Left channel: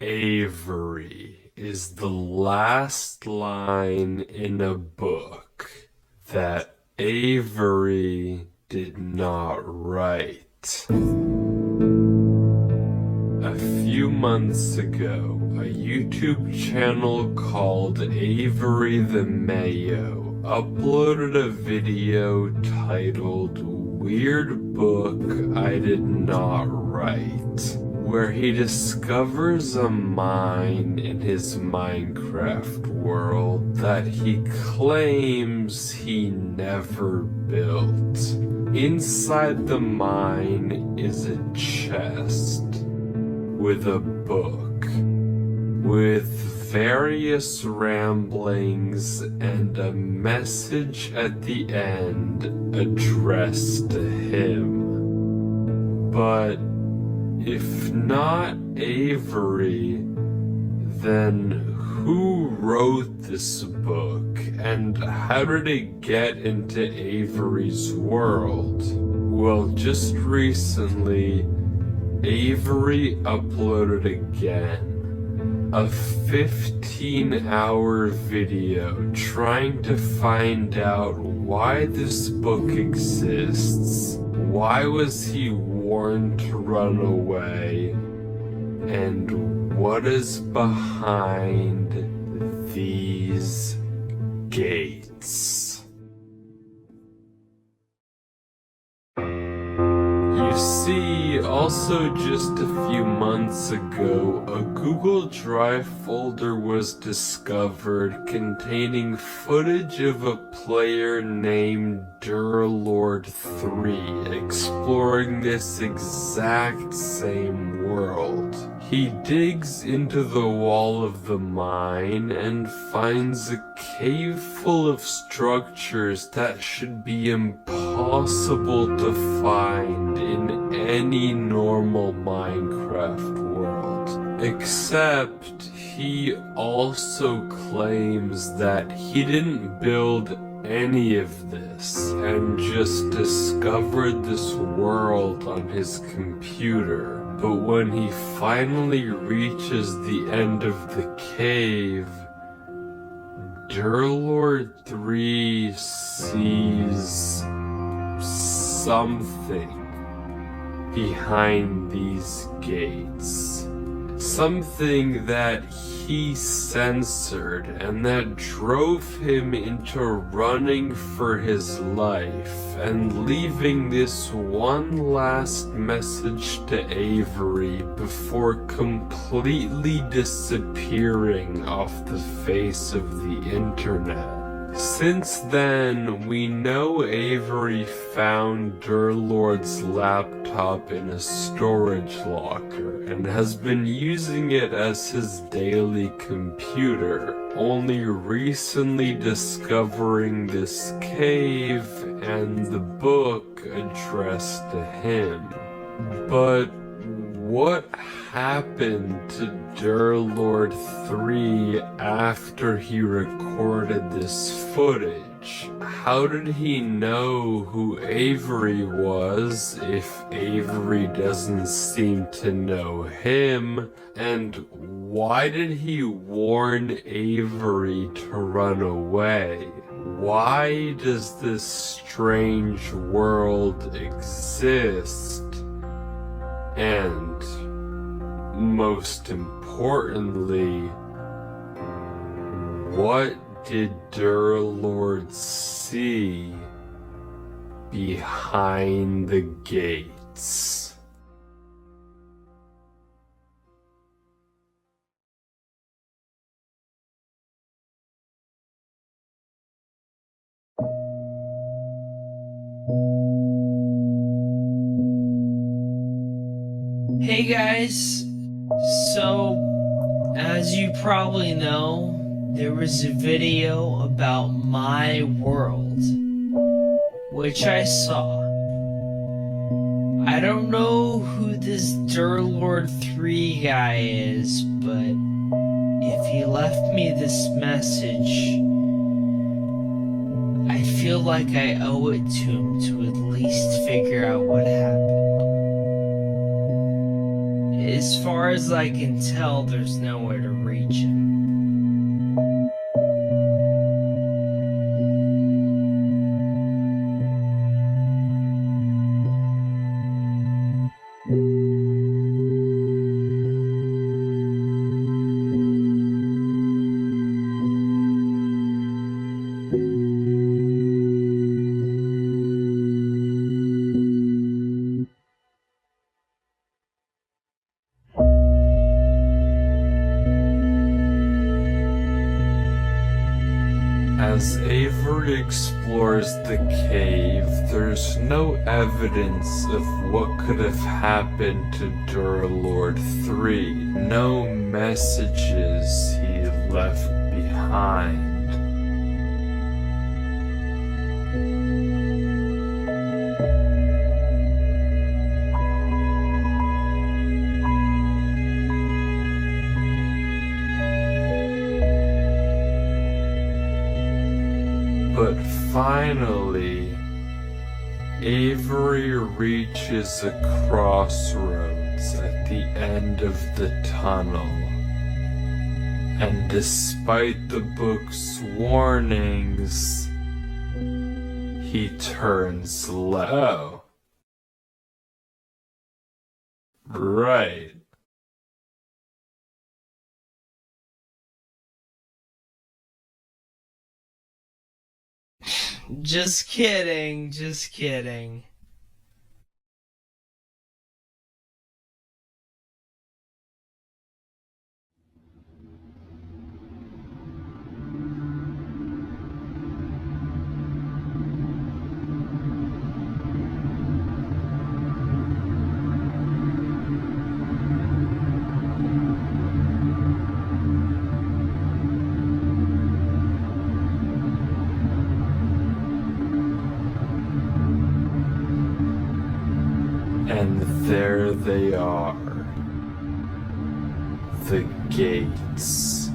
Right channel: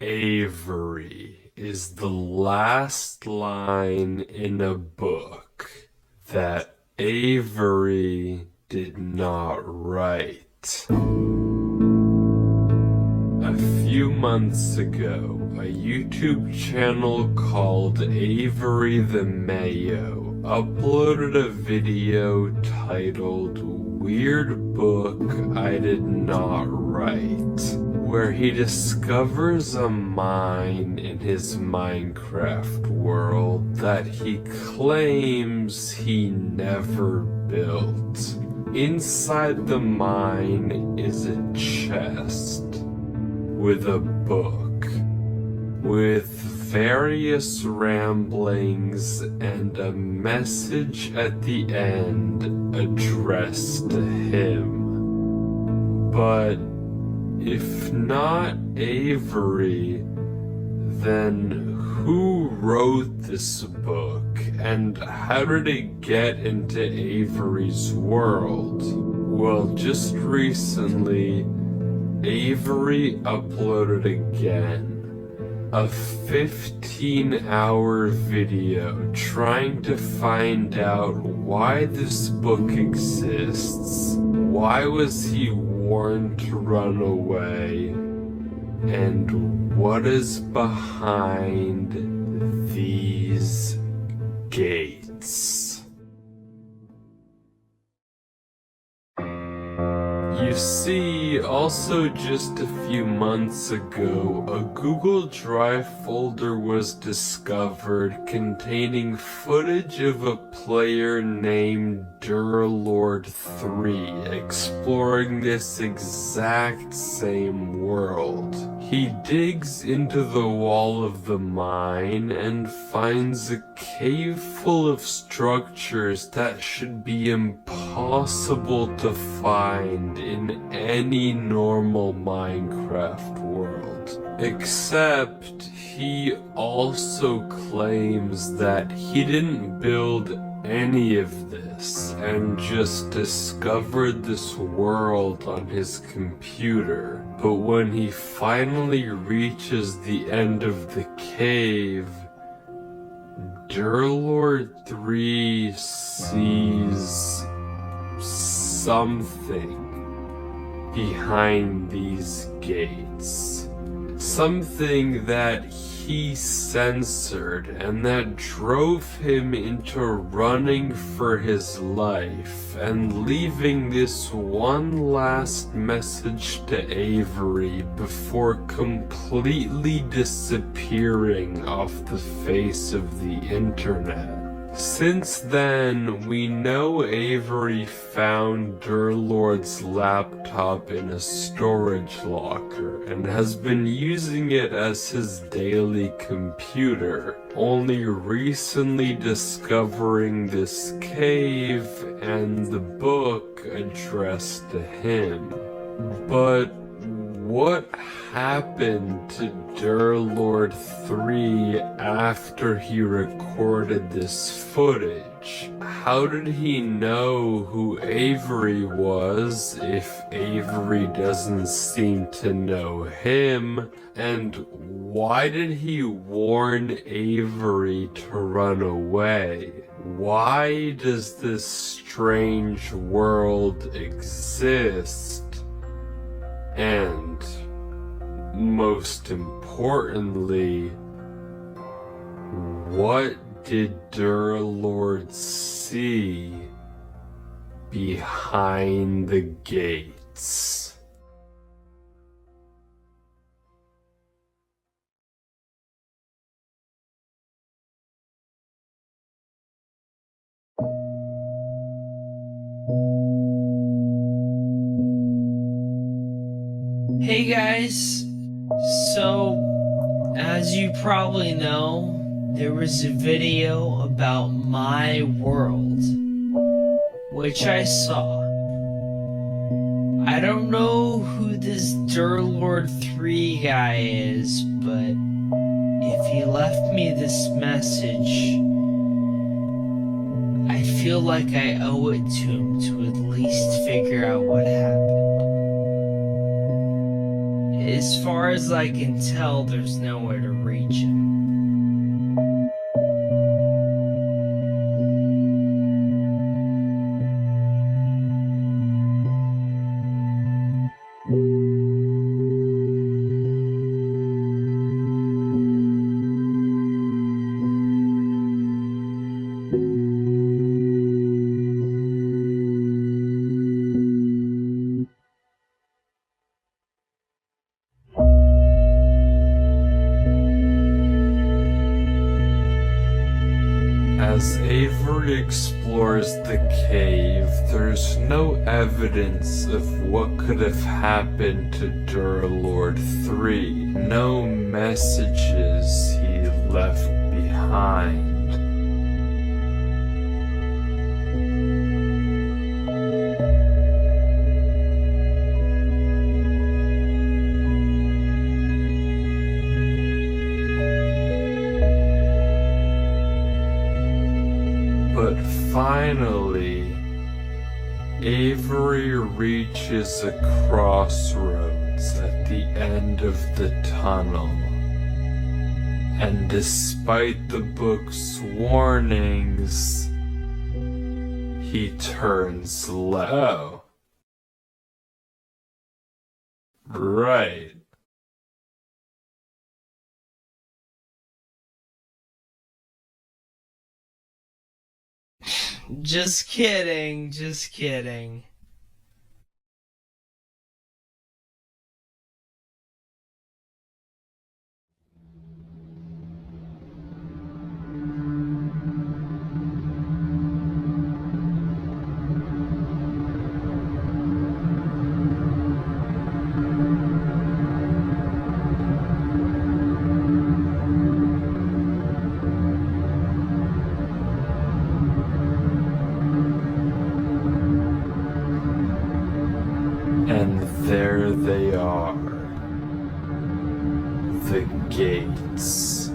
Avery is the last line in a book that Avery did not write. A few months ago, a YouTube channel called Avery the Mayo uploaded a video titled "Weird Book I Did Not Write," where he discovers a mine in his Minecraft world that he claims he never built. Inside the mine is a chest with a book, with various ramblings and a message at the end addressed to him. But if not Avery, then who wrote this book, and how did it get into Avery's world? Well, just recently, Avery uploaded again a 15-hour video trying to find out why this book exists, why was he warned to run away, and what is behind these gates. You see, also just a few months ago, a Google Drive folder was discovered containing footage of a player named Durlord 3 exploring this exact same world. He digs into the wall of the mine and finds a cave full of structures that should be impossible to find in any normal Minecraft world. Except he also claims that he didn't build any of this and just discovered this world on his computer. But when he finally reaches the end of the cave, Durlord 3 sees something behind these gates. Something that he censored and that drove him into running for his life and leaving this one last message to Avery before completely disappearing off the face of the internet. Since then, we know Avery found Durlord's laptop in a storage locker and has been using it as his daily computer, only recently discovering this cave and the book addressed to him. But what happened to Durlord 3 after he recorded this footage? How did he know who Avery was if Avery doesn't seem to know him? And why did he warn Avery to run away? Why does this strange world exist? And most importantly, what did Durlord see behind the gates? Hey guys, so as you probably know, there was a video about my world, which I saw. I don't know who this Durlord 3 guy is, but if he left me this message, I feel like I owe it to him to at least figure out what happened. Is as far as I can tell, there's nowhere to reach him. As Avery explores the cave, there's no evidence of what could have happened to Durlord 3. No messages he left behind. But finally, Avery reaches a crossroads at the end of the tunnel. And despite the book's warnings, he turns left. Oh. Right. Just kidding, just kidding. And there they are. The gates.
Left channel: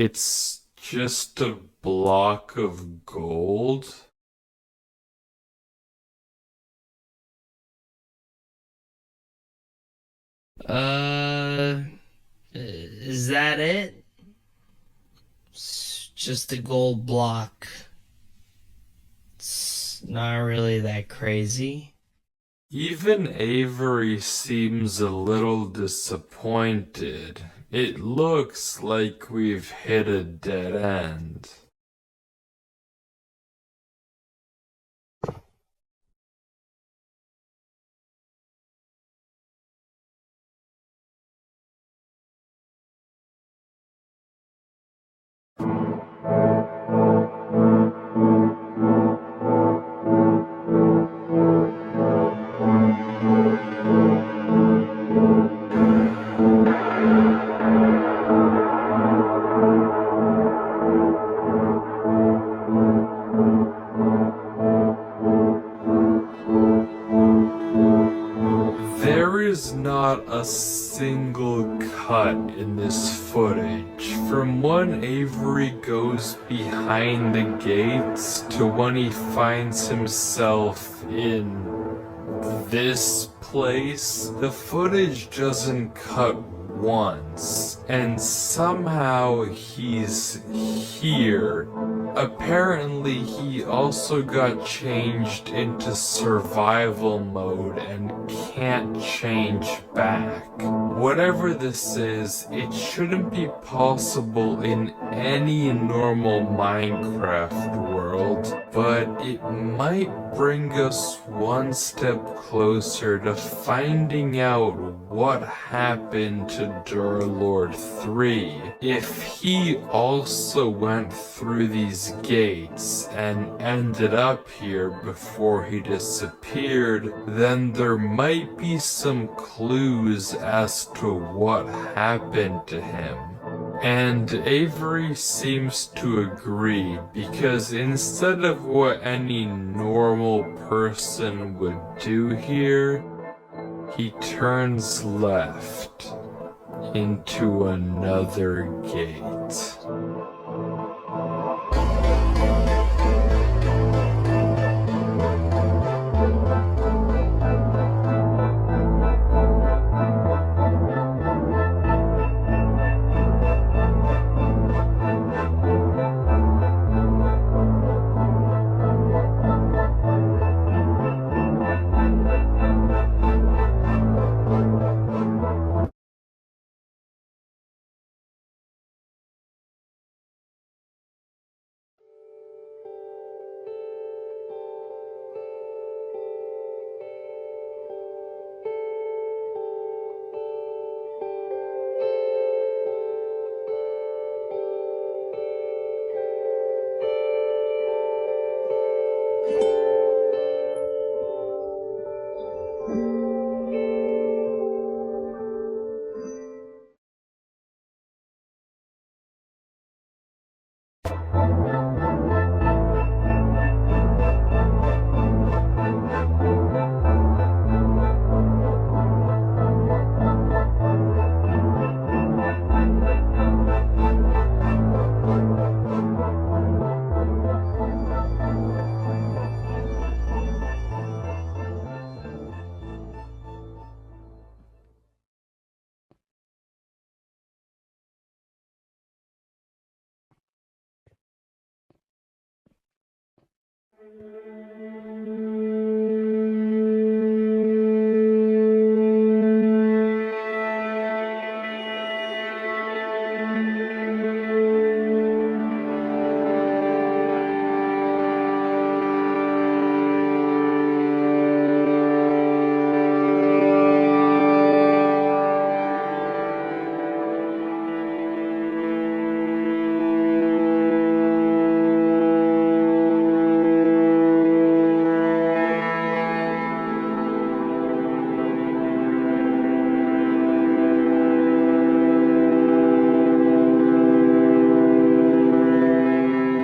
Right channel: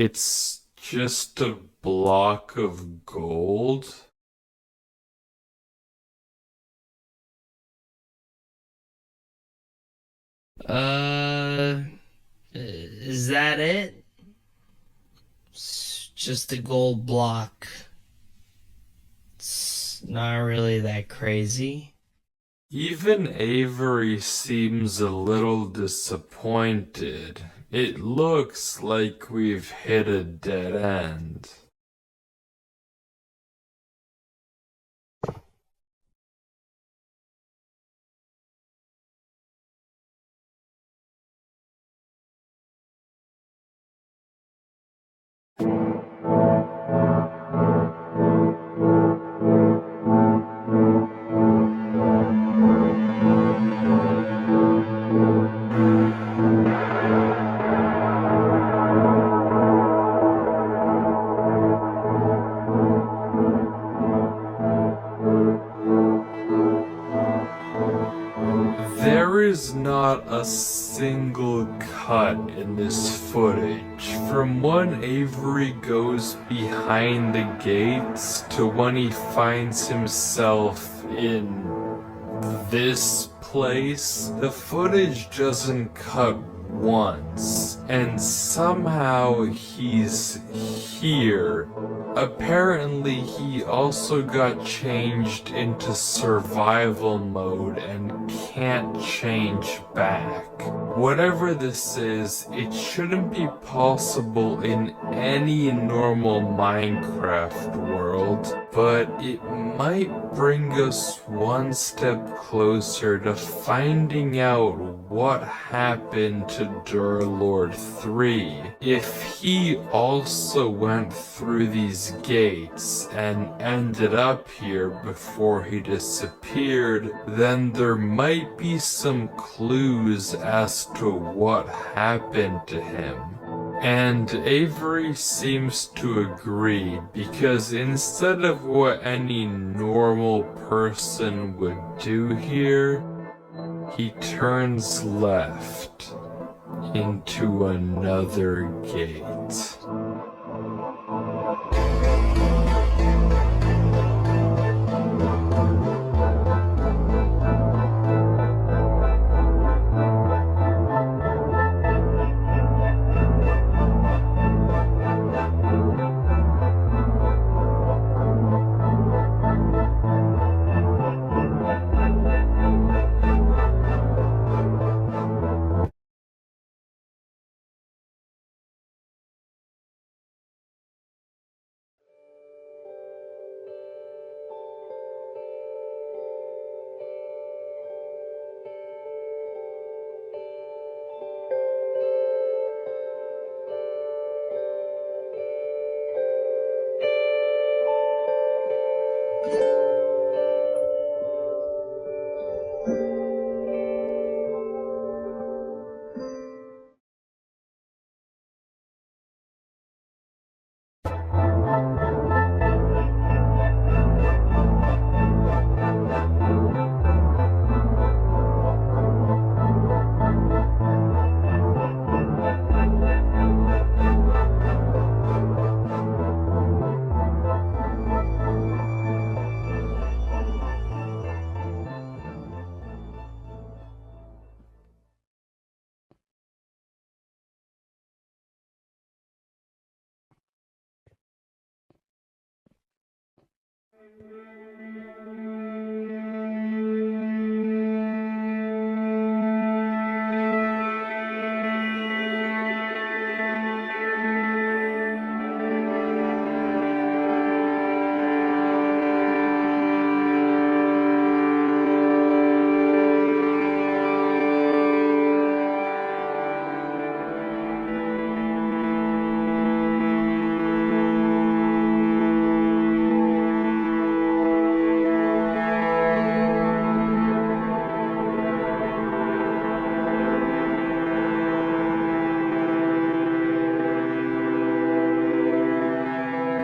It's just a block of gold? Is that it? It's just a gold block. It's not really that crazy. Even Avery seems a little disappointed. It looks like we've hit a dead end. is not a single cut in this footage. From when Avery goes behind the gates to when he finds himself in this place, the footage doesn't cut once, and somehow he's here. Apparently he also got changed into survival mode and can't change back. Whatever this is, it shouldn't be possible in any normal Minecraft world, but it might bring us one step closer to finding out what happened to Durlord 3. If he also went through these gates and ended up here before he disappeared, then there might be some clues as to what happened to him. And Avery seems to agree, because instead of what any normal person would do here, he turns left into another gate.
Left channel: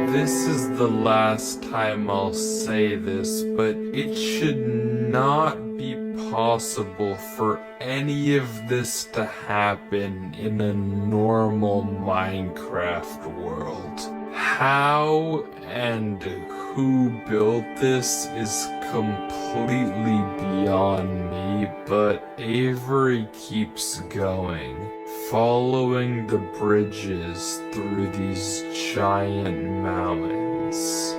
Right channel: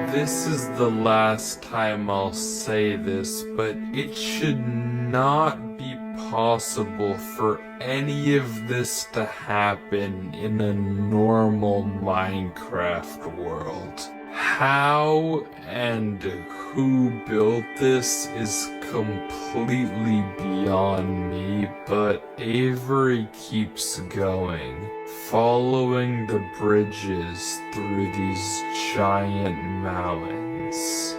This is the last time I'll say this, but it should not be possible for any of this to happen in a normal Minecraft world. How and who built this is completely beyond me, but Avery keeps going, following the bridges through these giant mountains.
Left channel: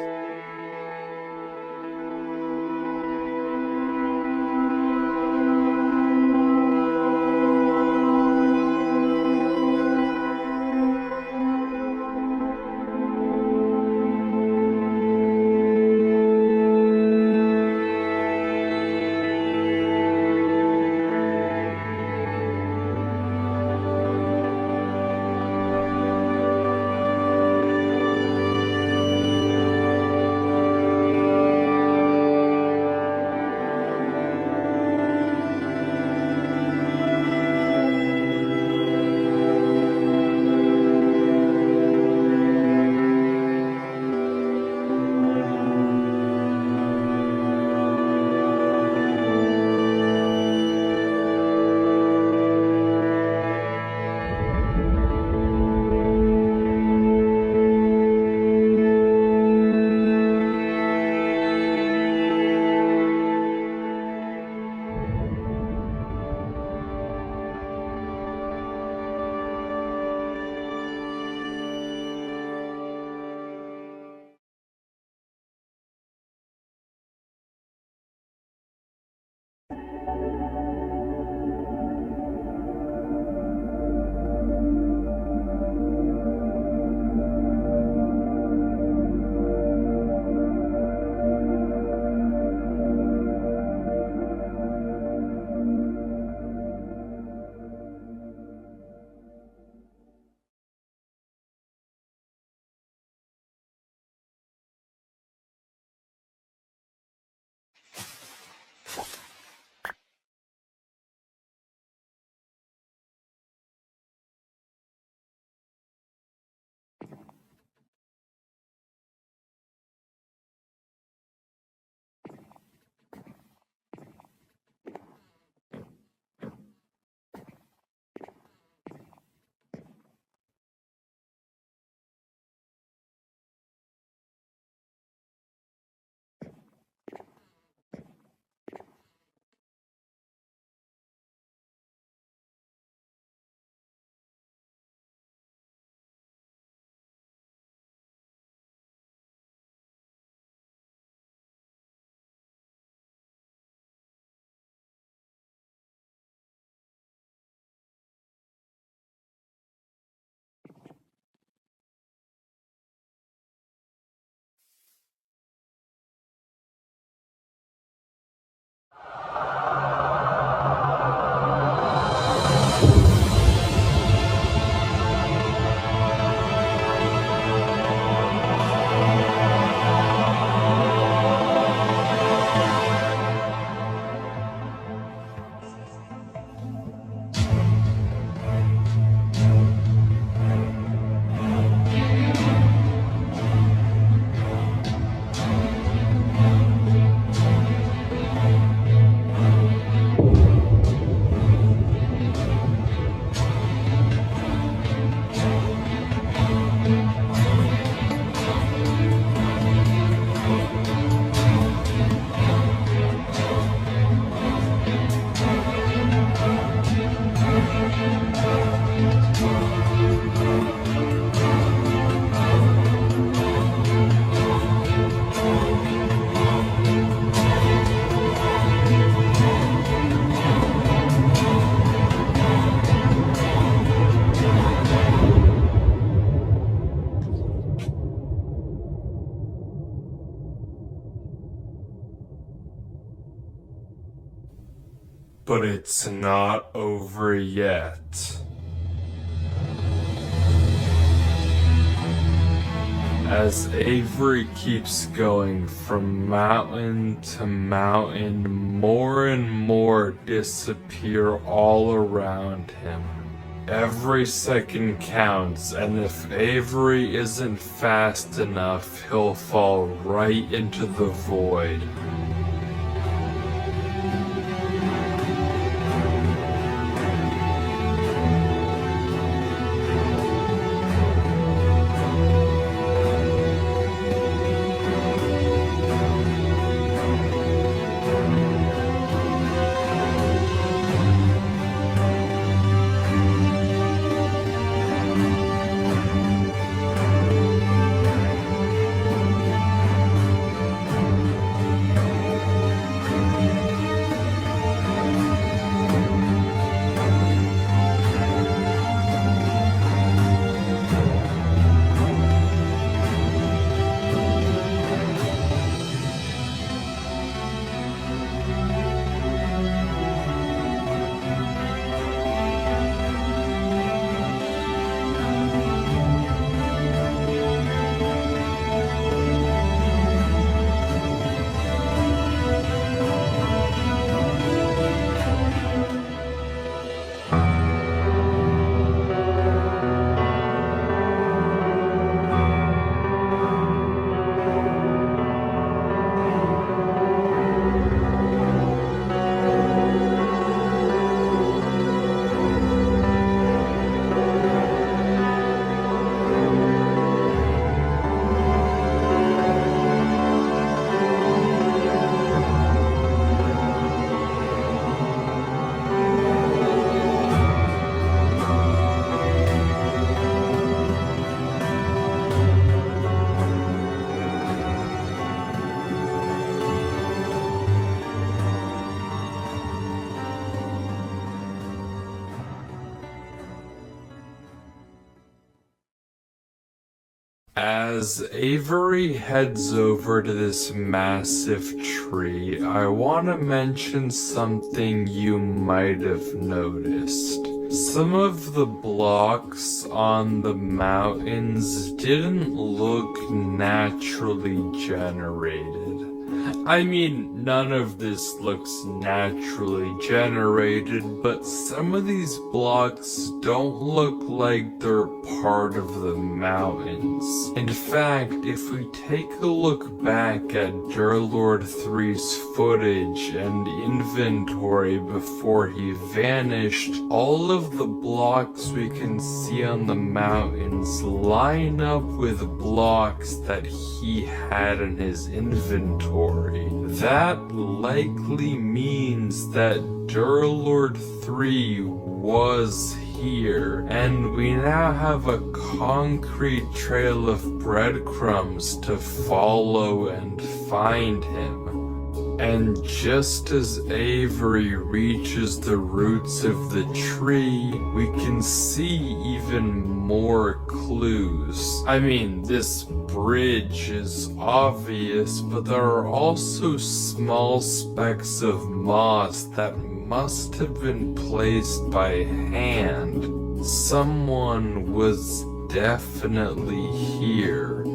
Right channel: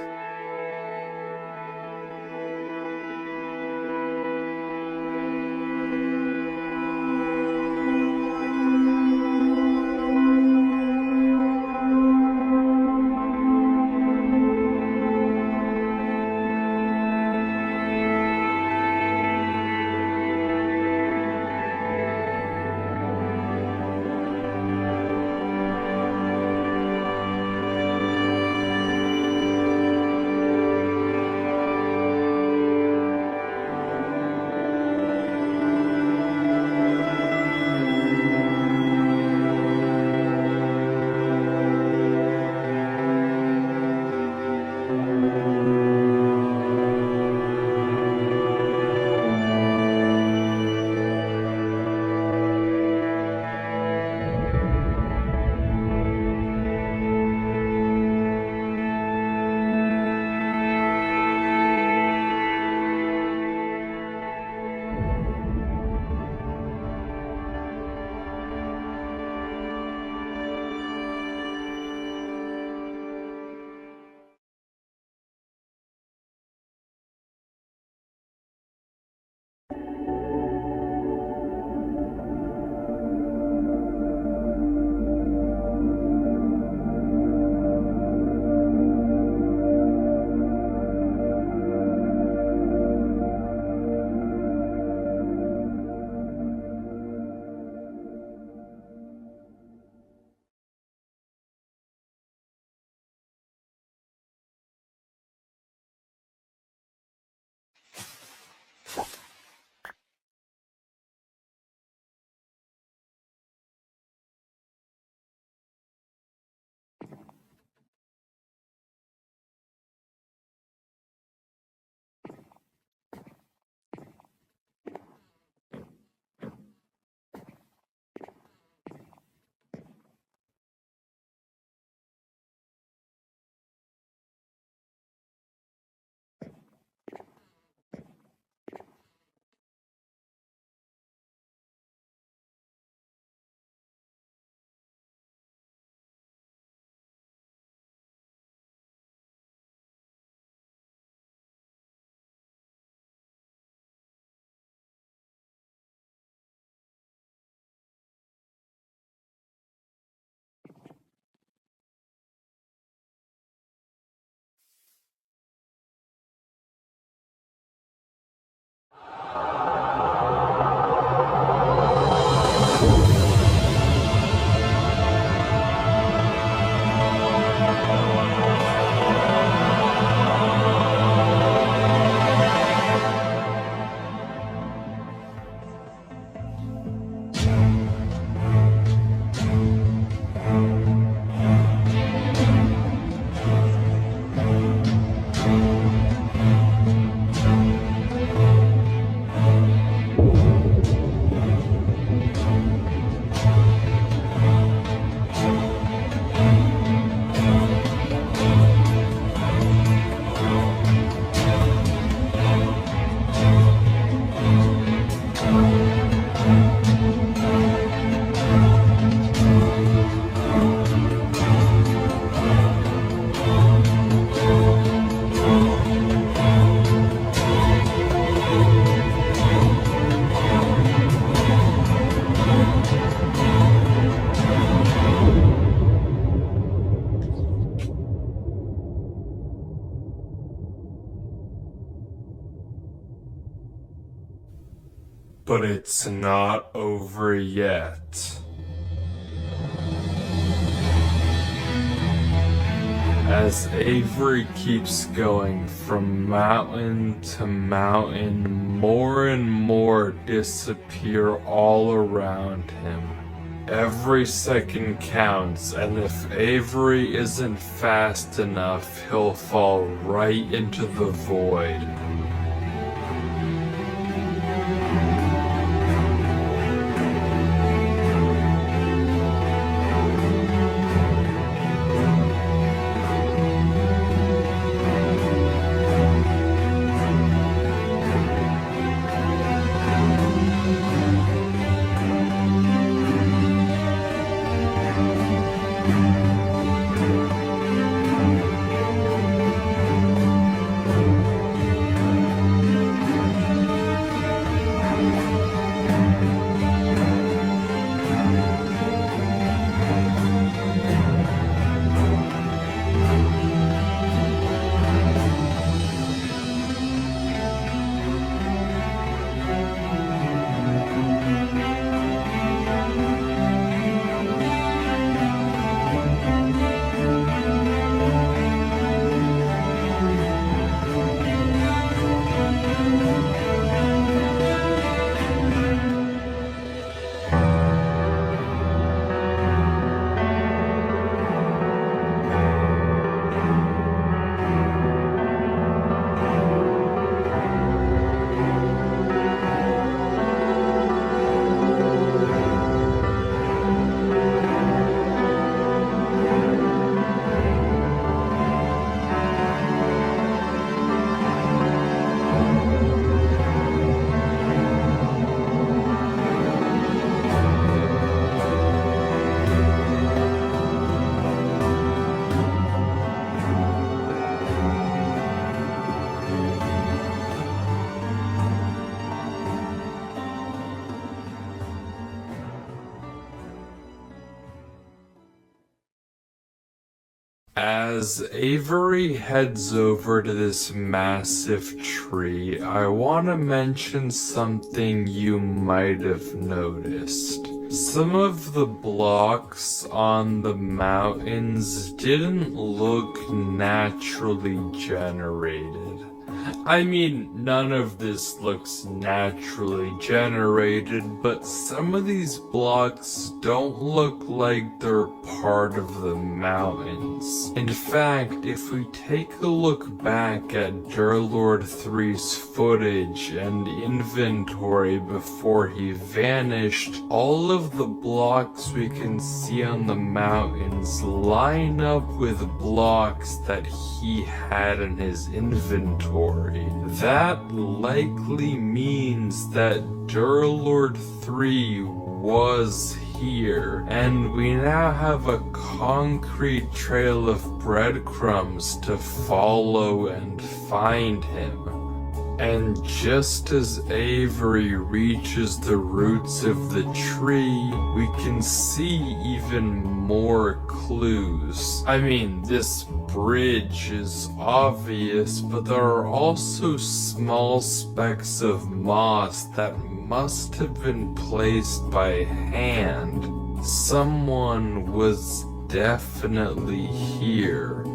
but it's not over yet. As Avery keeps going from mountain to mountain, more and more disappear all around him. Every second counts, and if Avery isn't fast enough, he'll fall right into the void. As Avery heads over to this massive tree, I want to mention something you might have noticed. Some of the blocks on the mountains didn't look naturally generated. I mean, none of this looks naturally generated, but some of these blocks don't look like they're part of the mountains. In fact, if we take a look back at Durlord 3's footage and inventory before he vanished, all of the blocks we can see on the mountains line up with blocks that he had in his inventory. That likely means that Durlord 3 was here, and we now have a concrete trail of breadcrumbs to follow and find him. And just as Avery reaches the roots of the tree, we can see even more clues. I mean, this bridge is obvious, but there are also small specks of moss that must have been placed by hand. Someone was definitely here.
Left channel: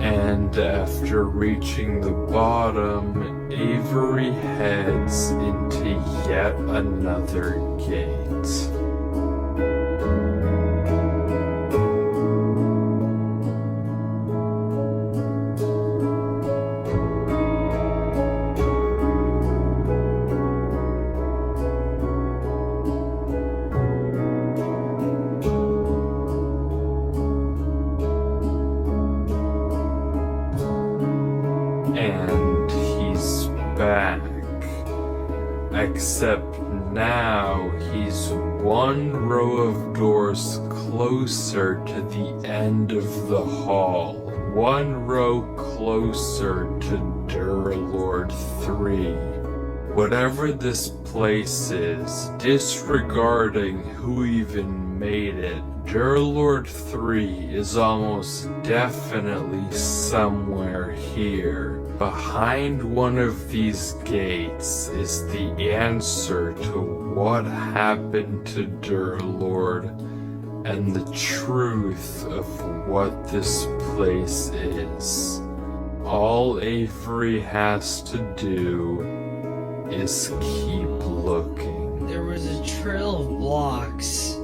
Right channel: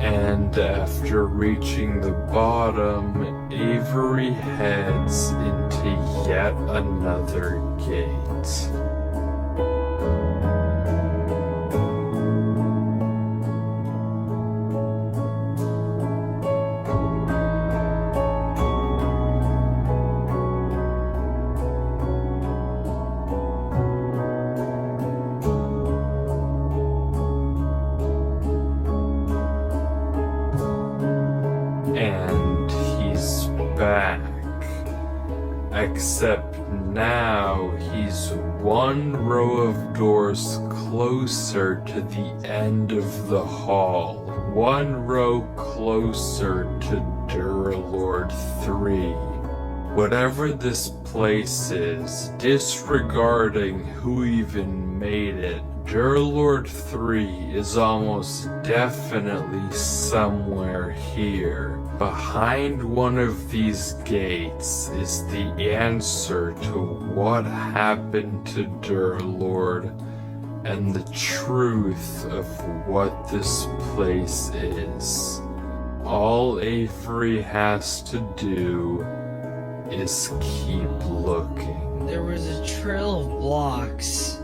And after reaching the bottom, Avery heads into yet another gate. And he's back. Except now he's one row of doors closer to the end of the hall. One row closer to Durlord 3. Whatever this place is, disregarding who even made it, Durlord 3 is almost definitely somewhere here. Behind one of these gates is the answer to what happened to Durlord and the truth of what this place is. All Avery has to do is keep looking. There was a trail of blocks,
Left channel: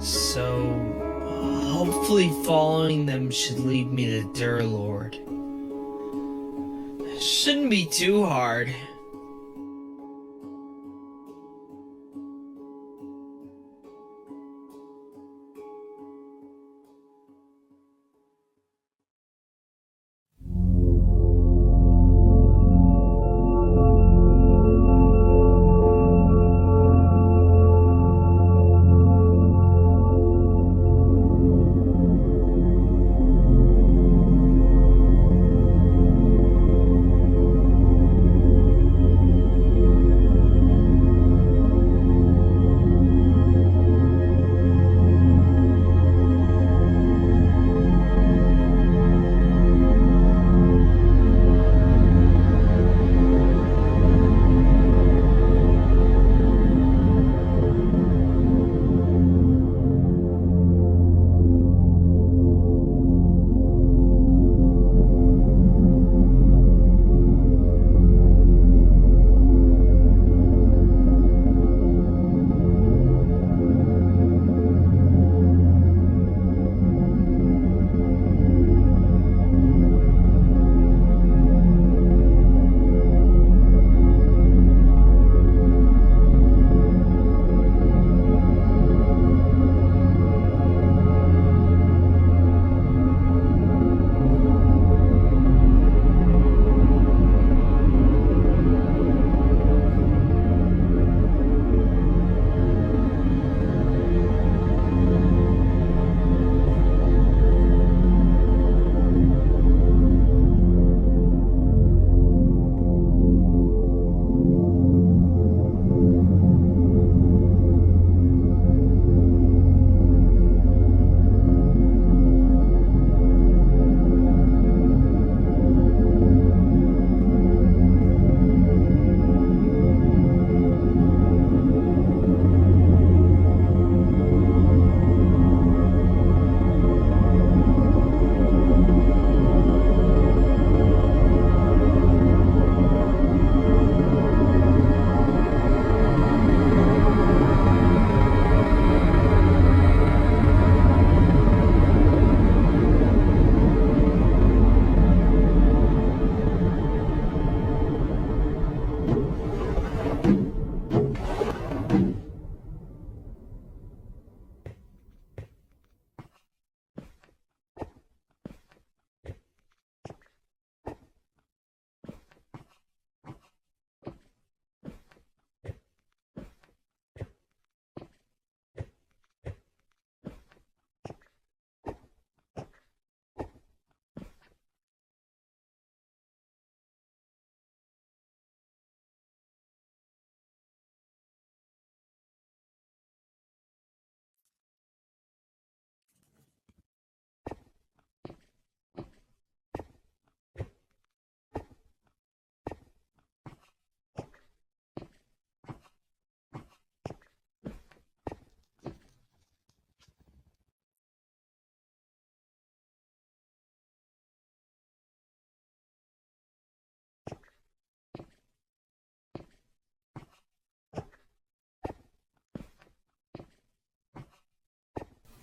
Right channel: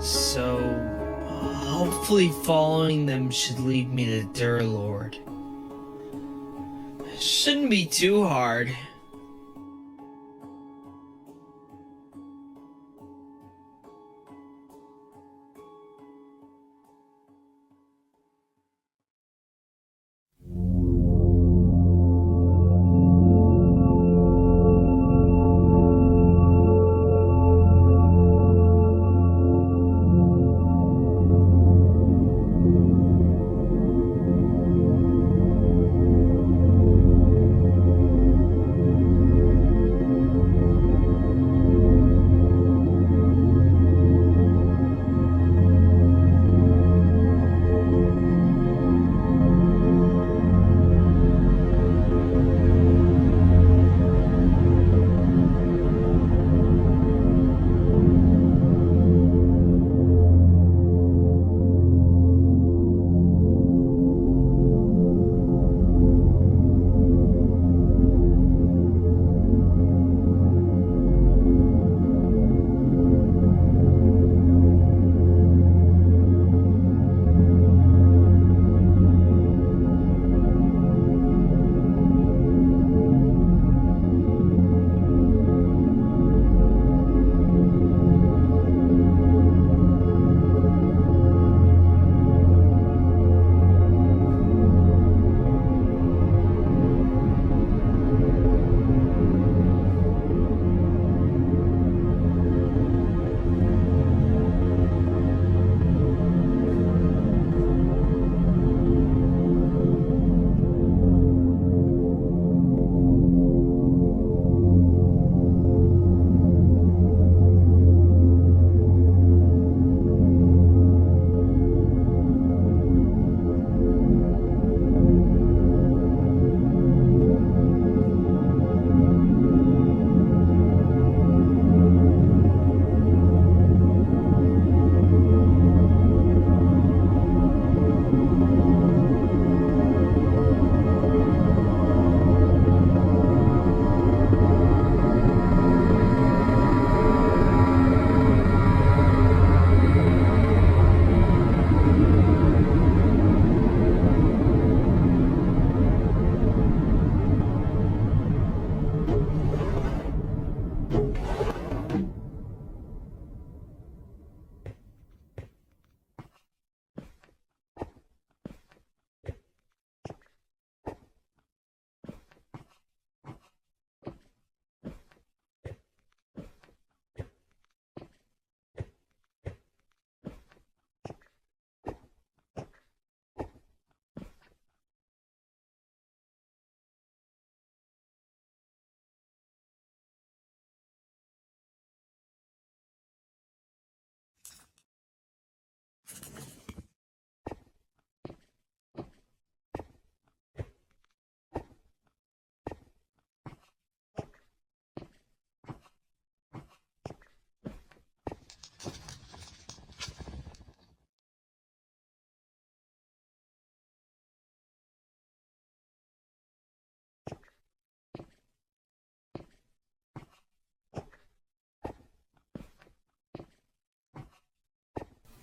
so hopefully following them should lead me to Durlord. Shouldn't be too hard.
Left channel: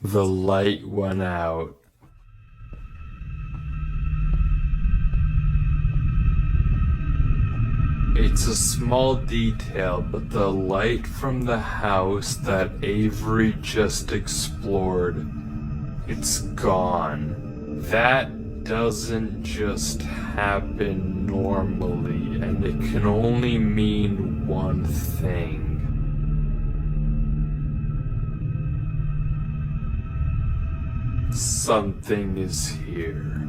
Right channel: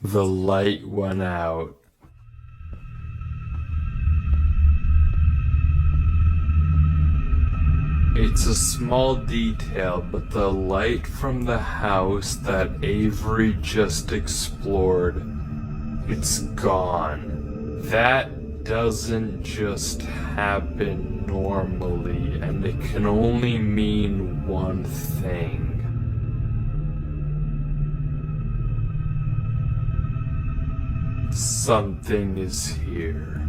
The light went out. It's a small detail, but the light from the house that Avery just explored, it's gone. That doesn't just happen normally, and it can only mean one thing. Something is here.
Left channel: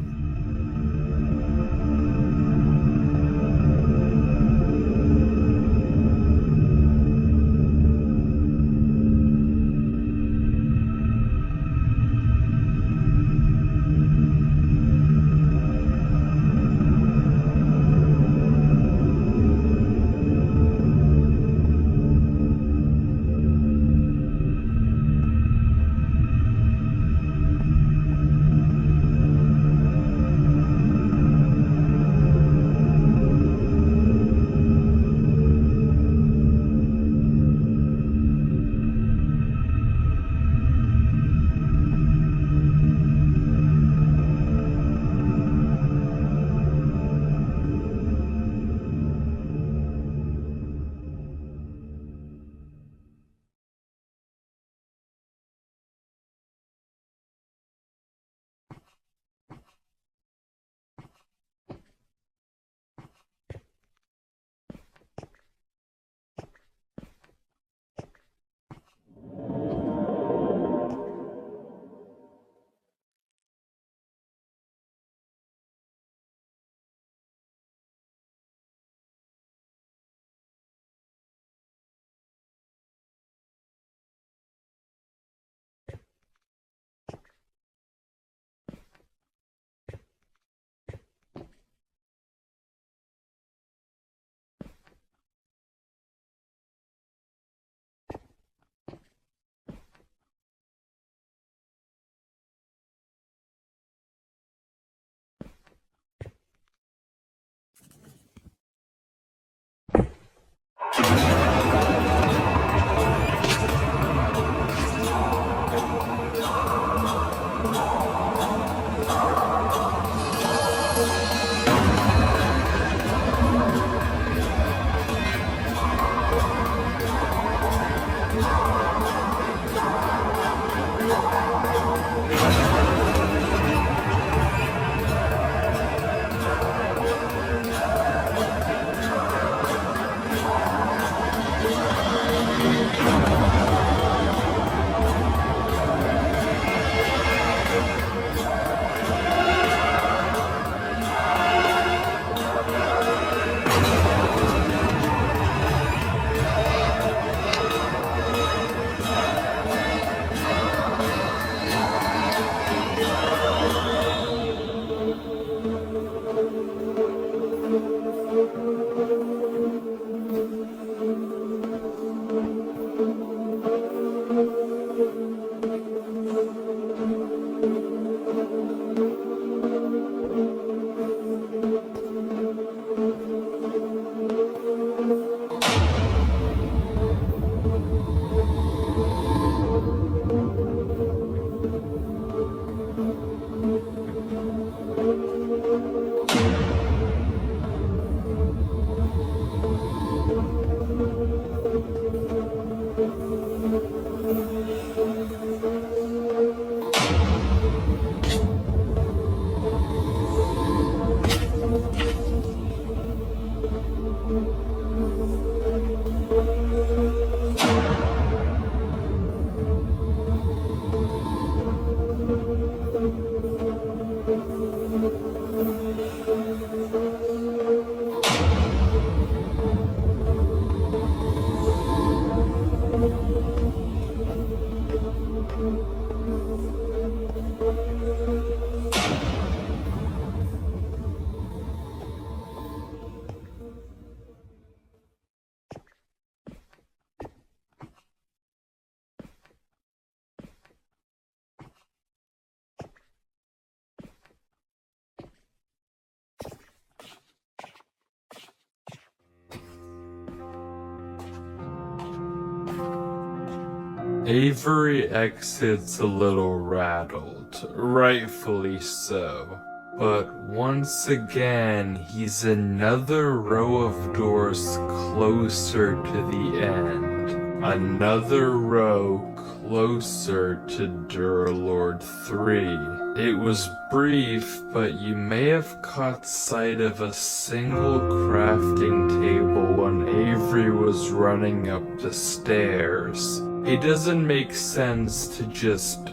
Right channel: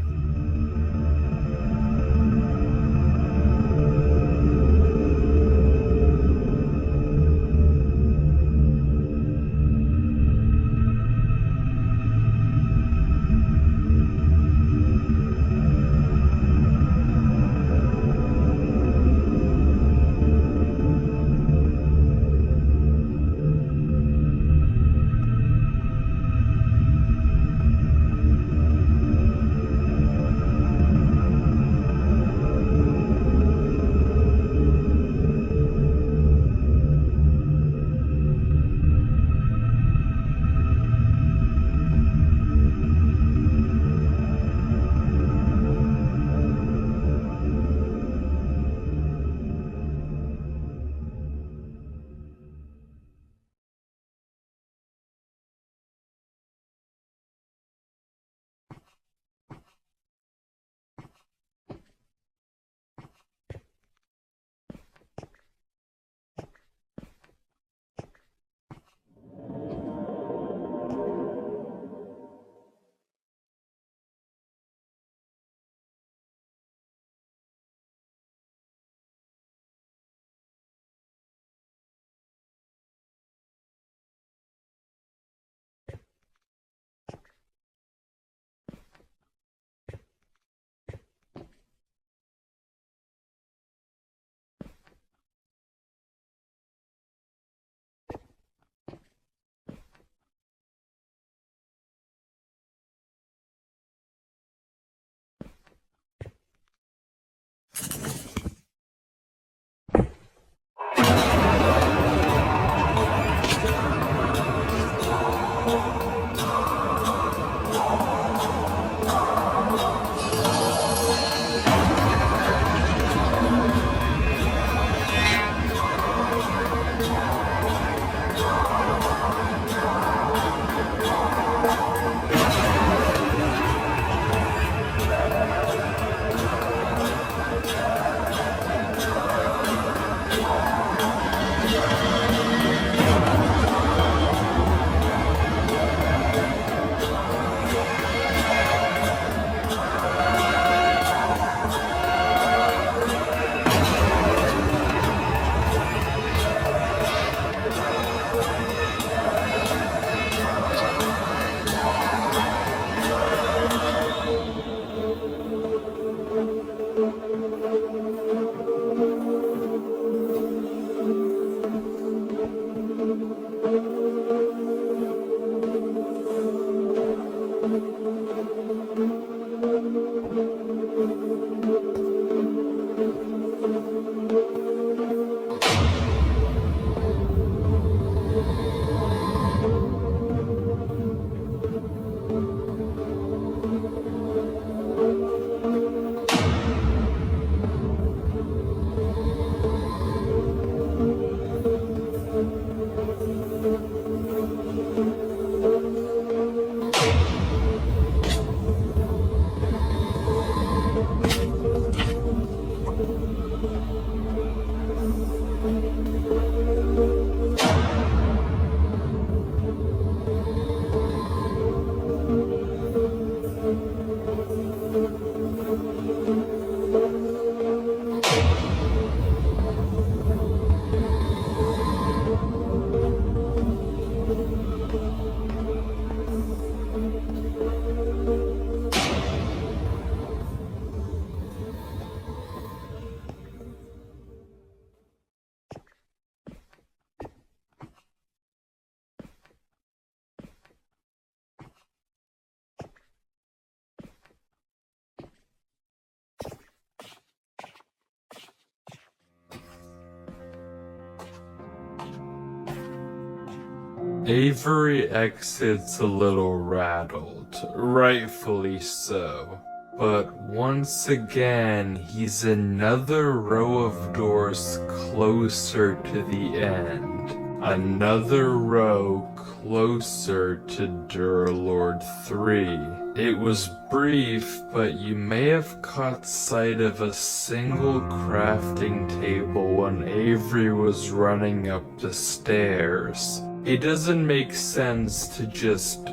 Avery exits a little rattled, rightfully so. But once again, he's another row of doors closer to the end. Another row closer to Durlord 3. It was brief, but you may have caught sight of a single crafting table when Avery was running up the stairs. It doesn't make sense to just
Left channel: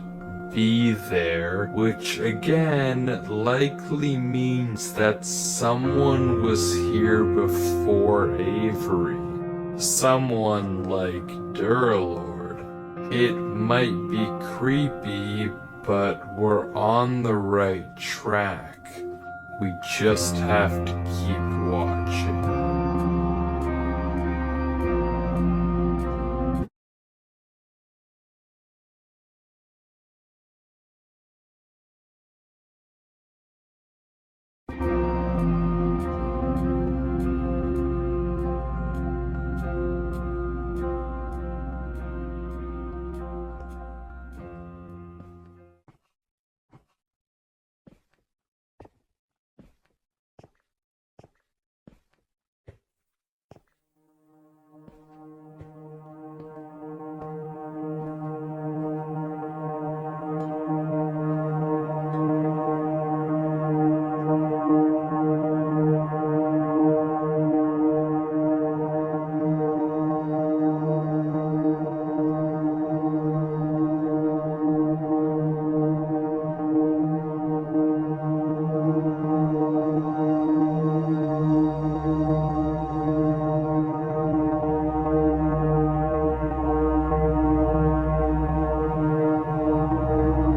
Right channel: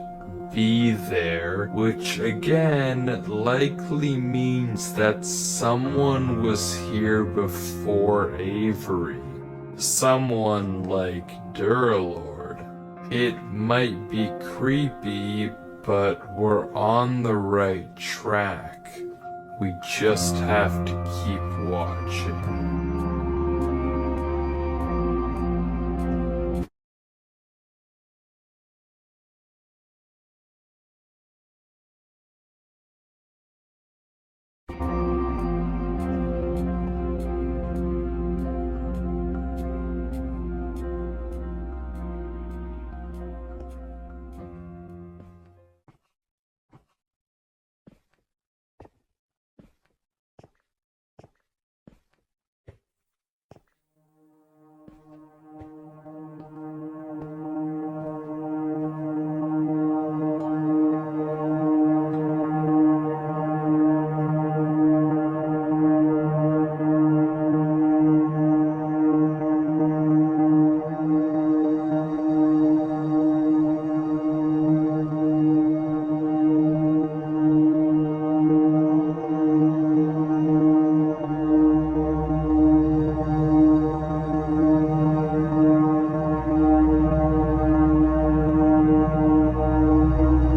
be there, which again likely means that someone was here before Avery. Someone like Durlord. It might be creepy, but we're on the right track. We just have to keep watching.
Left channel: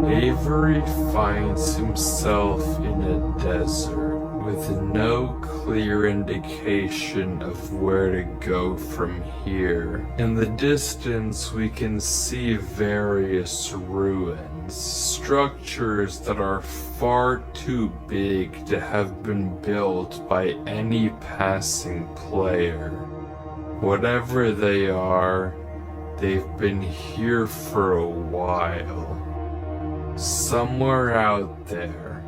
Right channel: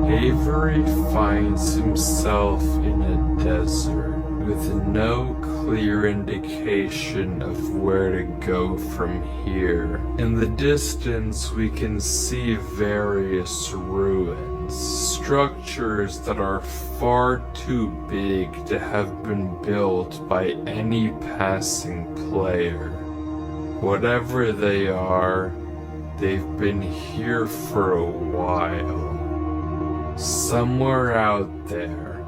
Avery finds himself in a desert with no clear indication of where to go from here. In the distance, we can see various ruins, structures that are far too big to have been built by any passing player. Whatever they are, they've been here for a while. Somewhere out there,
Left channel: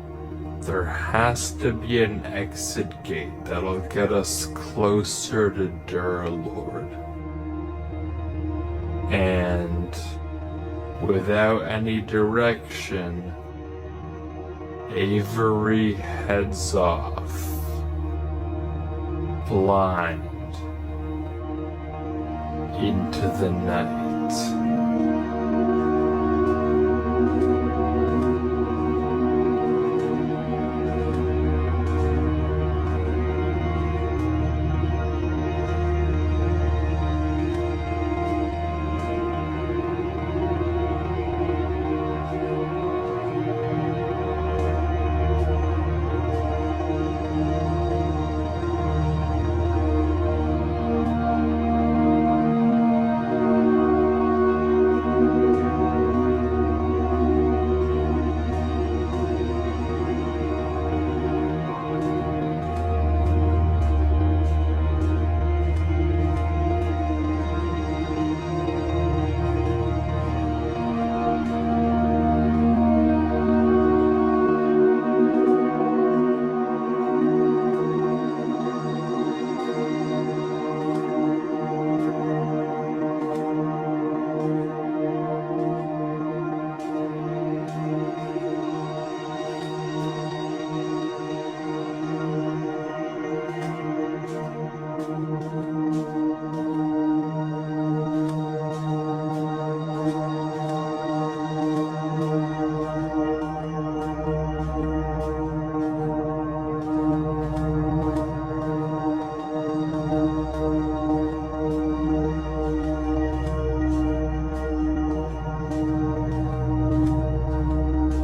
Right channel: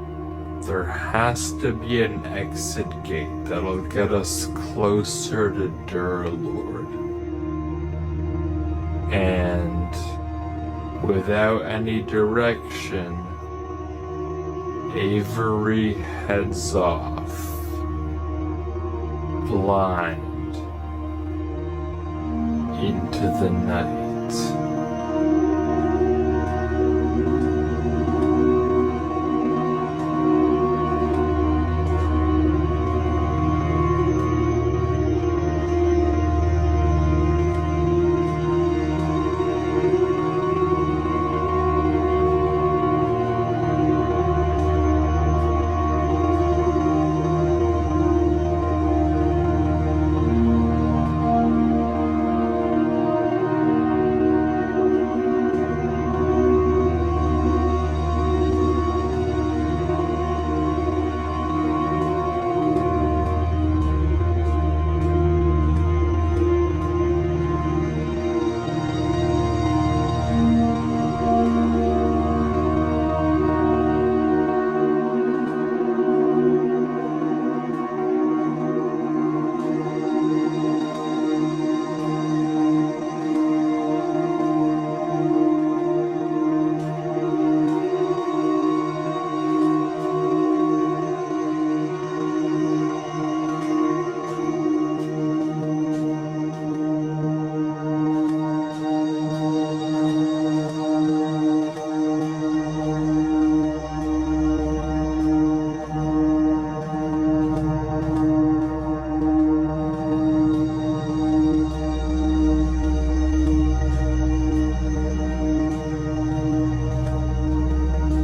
there has to be an exit gate that'll get us closer to Durlord. And without any direction, Avery heads off, blind, into the night.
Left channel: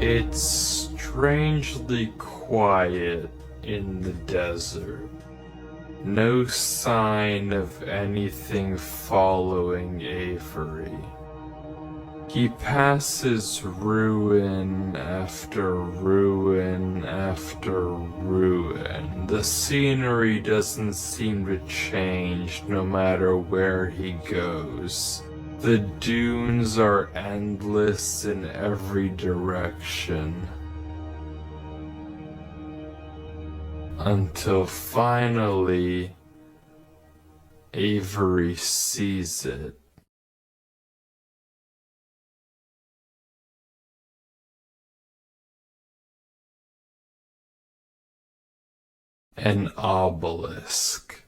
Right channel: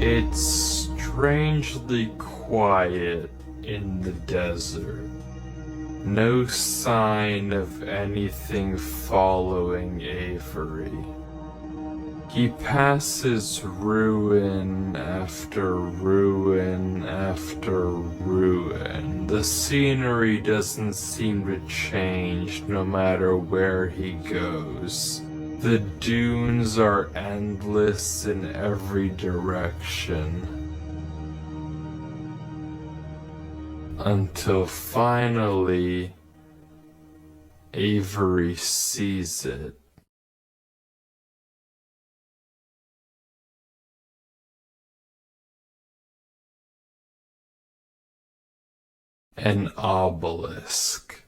It's strangely quiet in the desert. No sign of anything following Avery. He passes ruin after ruin after ruin. The scenery doesn't seem to change no matter where he goes. The dunes are endless in every direction. Until finally, Avery sees it. An obelisk.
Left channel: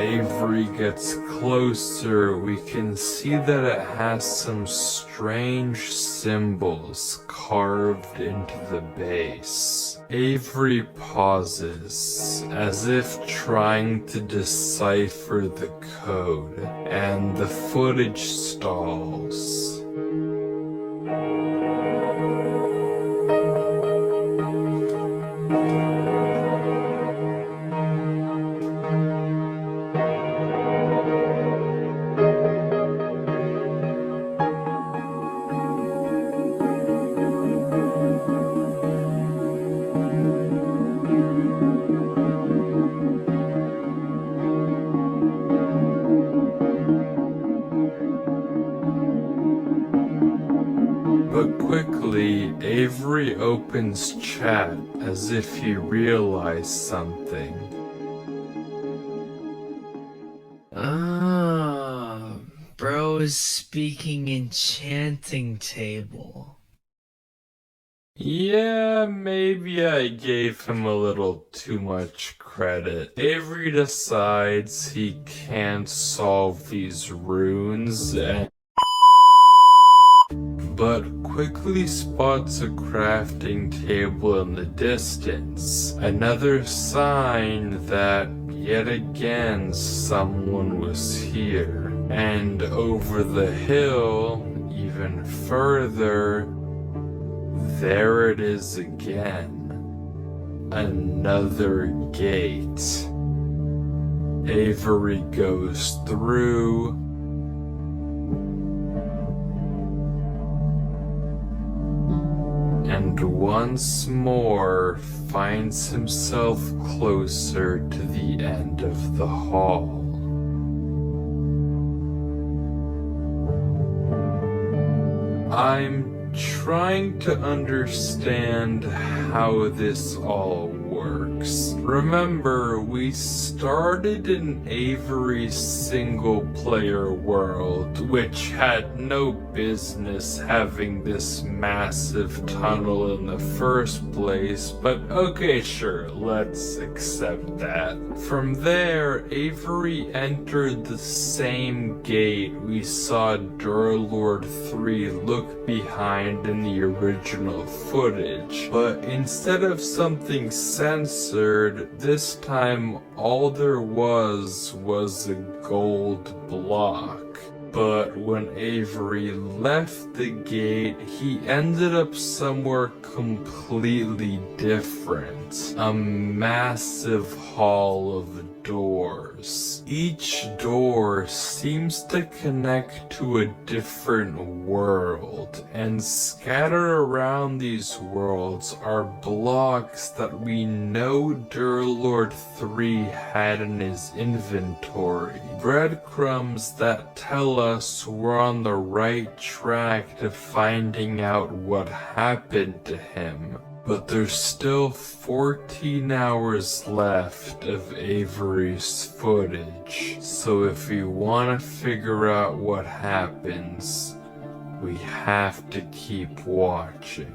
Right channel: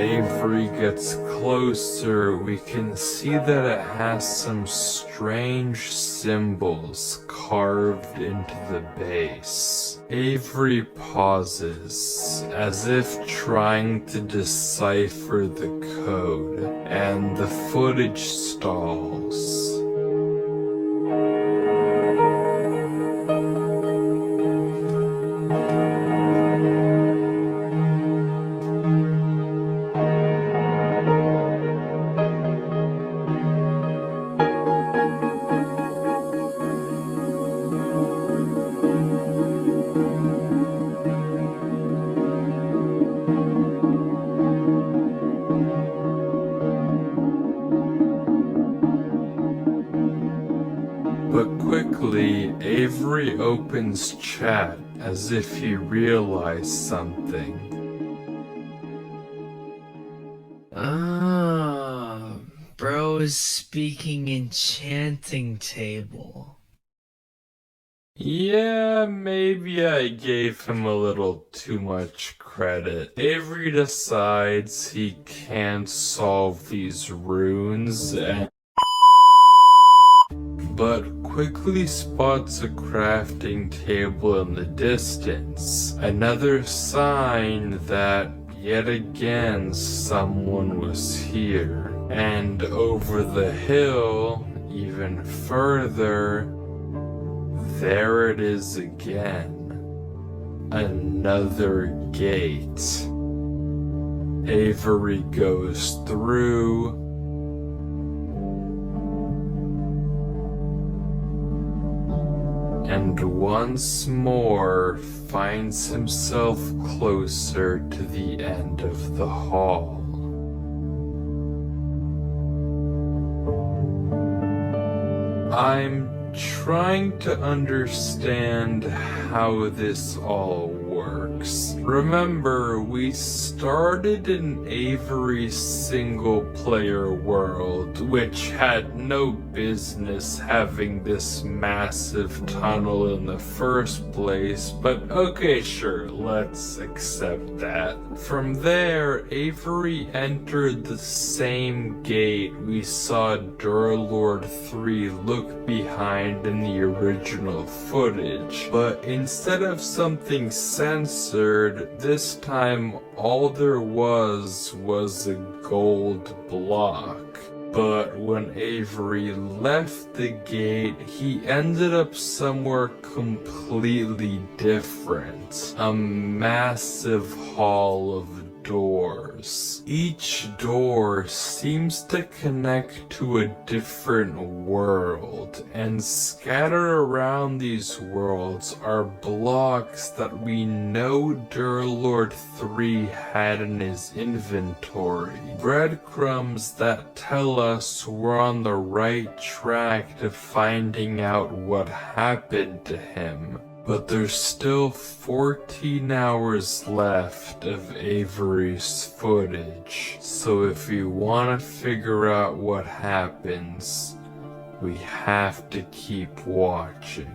Avery gets closer, we can see that it has some strange symbols carved into the base. Avery pauses, as if trying to decipher the code, and the footage stalls. Quickly, Avery opens chat as if he realized something. Bro is speaking enchanting table. Yeah, maybe I gave him a little too much credit. Avery decides he can't solve these runes but quickly spots a crafting table in the distance. Another sign that, yet again, someone was here. And over the hill, even further, there it is again. Another gate. Avery goes through, and once more finds himself closer to the end of the hall. I'm trying to understand how this all works. Remember, we started in Avery's single-player world, which had no business having this massive tunnel in the first place, but okay, sure, let's accept that. From there, Avery entered the same gate we saw Durlord 3 look behind in the original footage, but instead of something censored, this time all there was a gold block. But when Avery left the gate, he ended up somewhere completely different. A massive hall of doors. Each door seems to connect to a different world, and scattered around these worlds are blocks that we know Durlord 3 had in his inventory. Breadcrumbs that tell us we're on the right track to finding out what happened to him. But there's still 14 hours left of Avery's footage, so if you want to figure out what happens, we have to keep watching.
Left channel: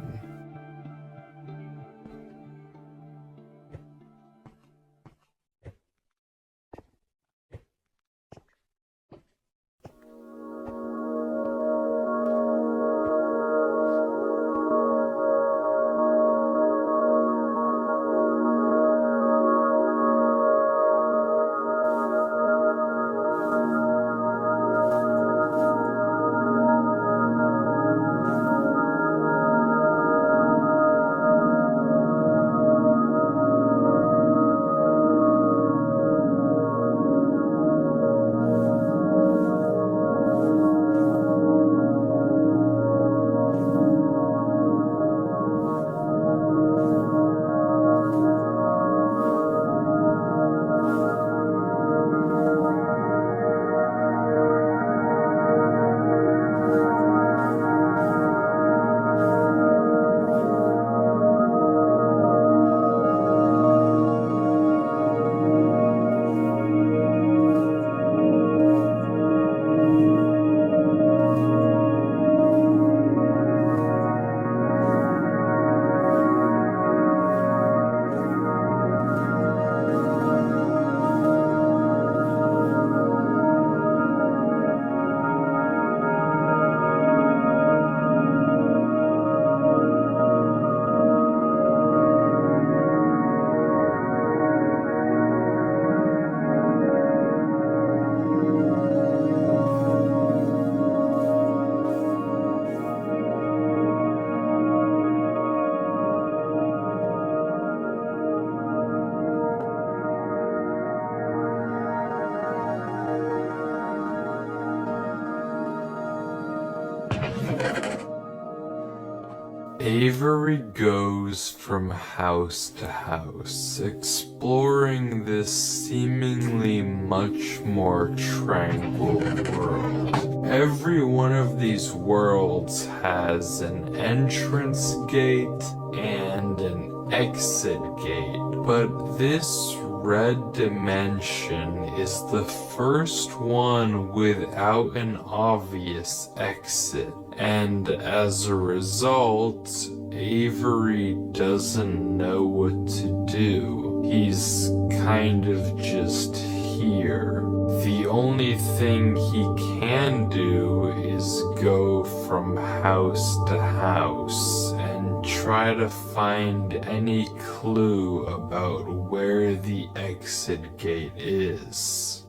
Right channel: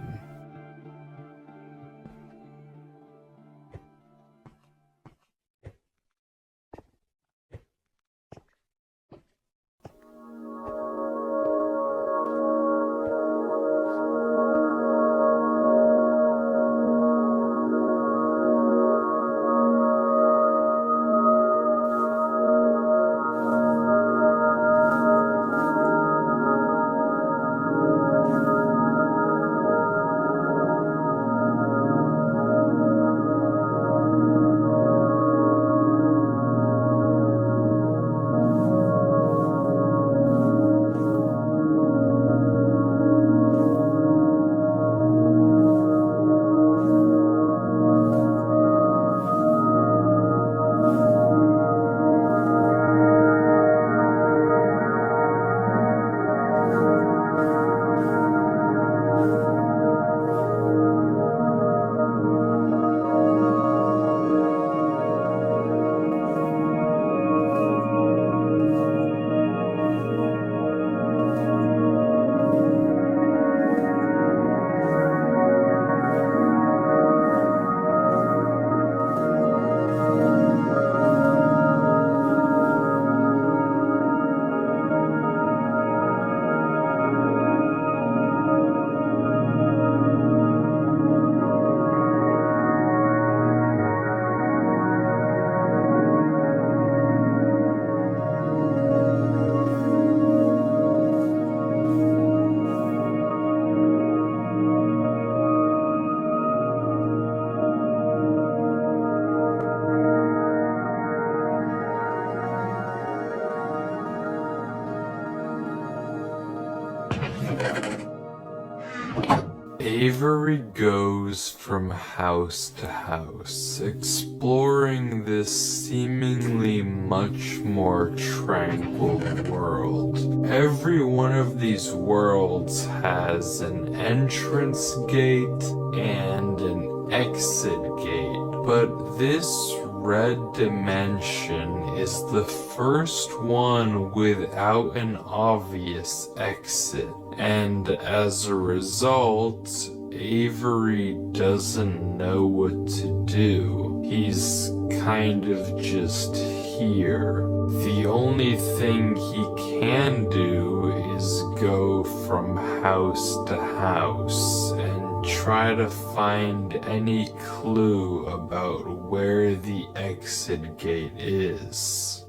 Avery goes from house to house, exploring this seemingly much more tranquil world. Every one of these worlds has an entrance gate and an exit gate, but this red dimension is the first one without an obvious exit. And as a result, Avery doesn't know what to do. He's kind of just here. The only thing he can do is go from house to house and try to find any clue about where the exit gate is.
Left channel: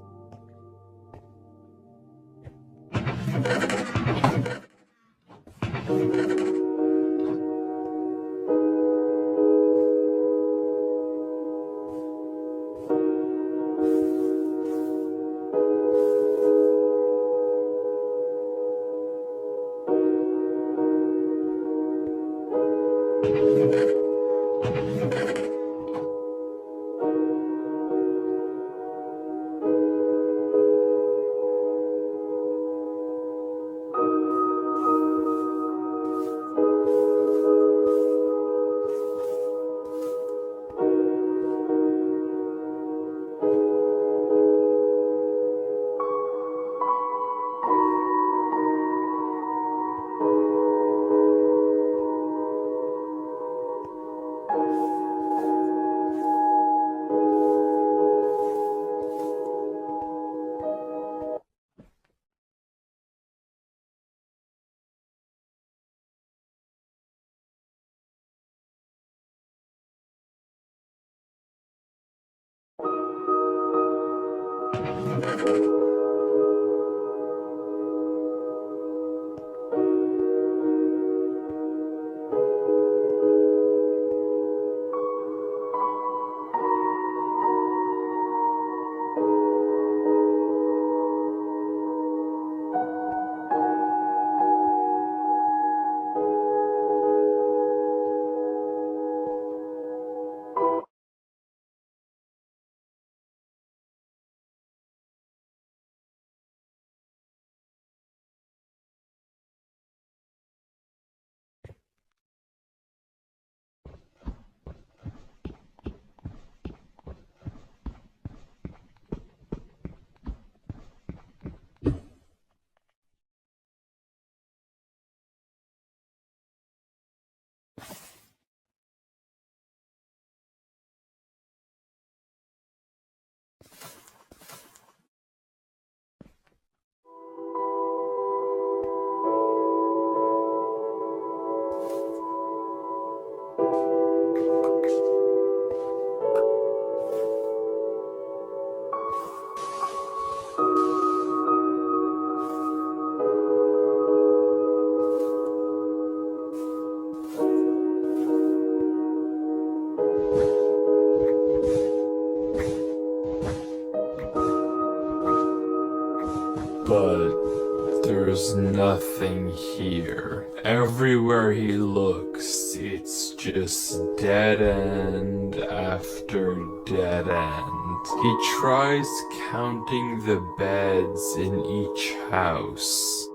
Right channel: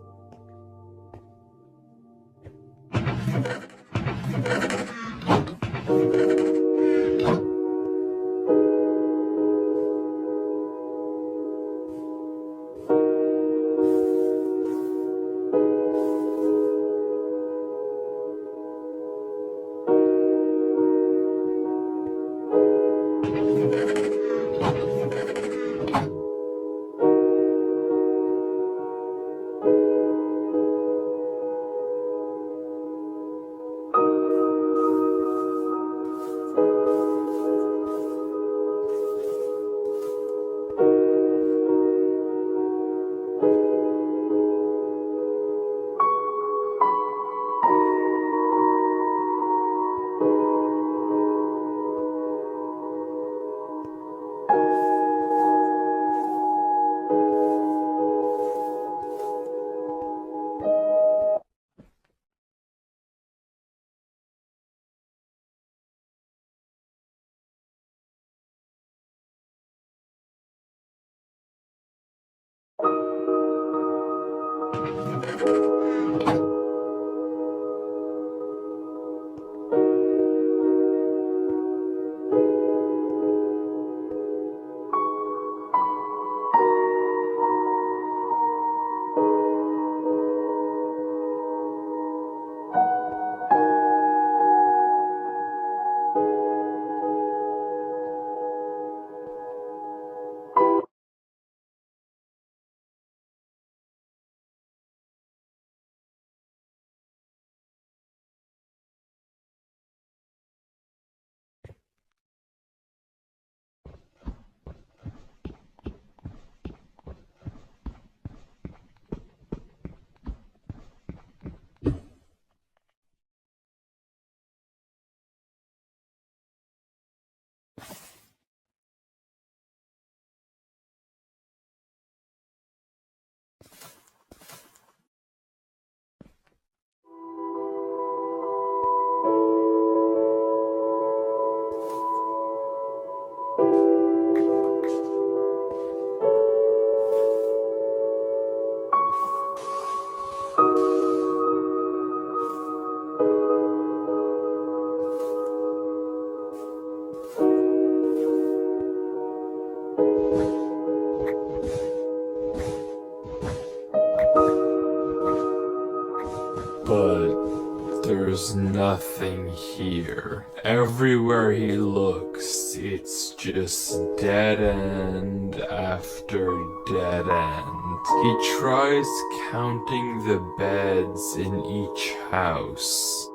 But there's nothing here. Everywhere he looks, it's just dead end after dead end. He tries counting the beds in each house,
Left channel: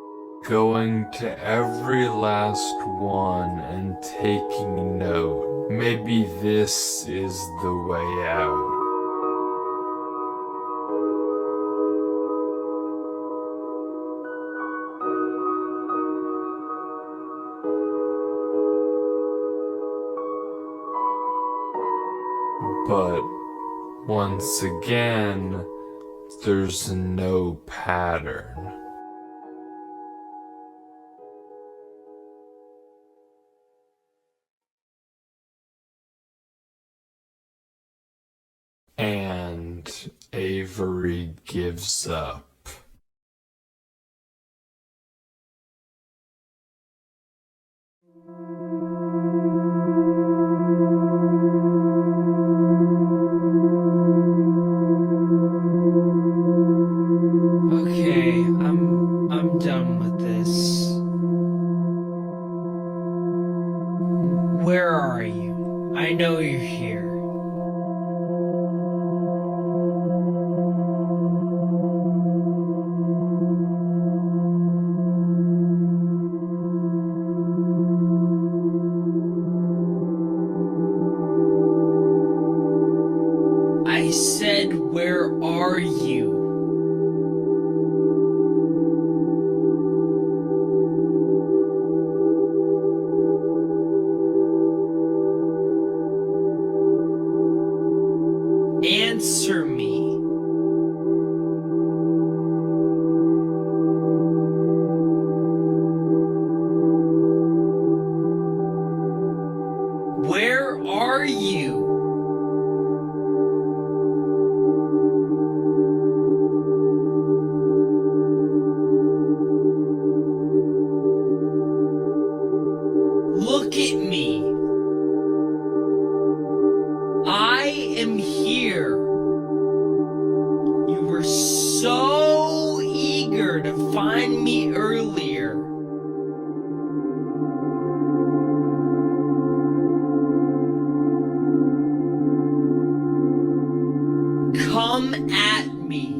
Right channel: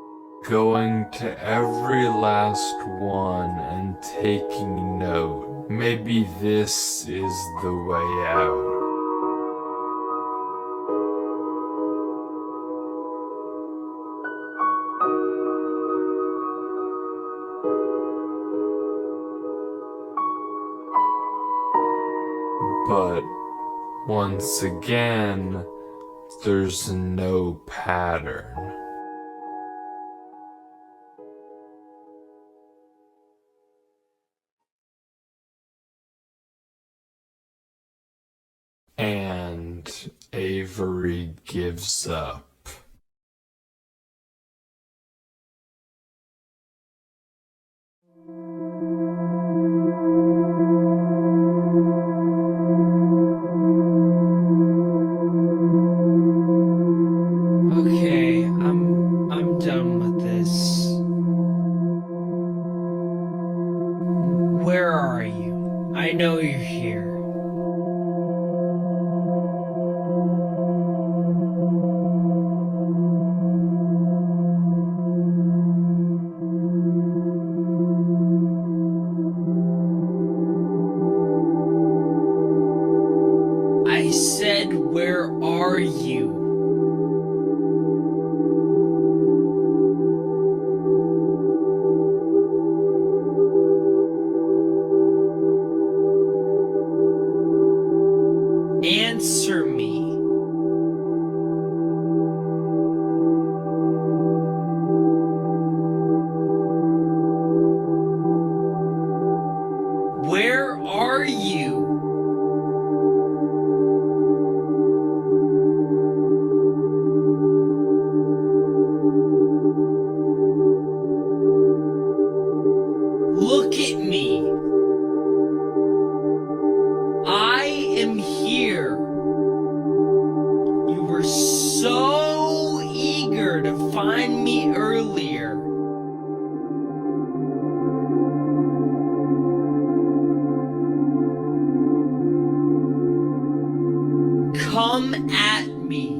going to every last one and taking note. Maybe this is the way out. But once again, there's no pattern. And Avery gives up. Okay, I'm done with this. said, where are you? Answer me. Where are you? Look at me. I am here. You were so eager to find me earlier. Come at me.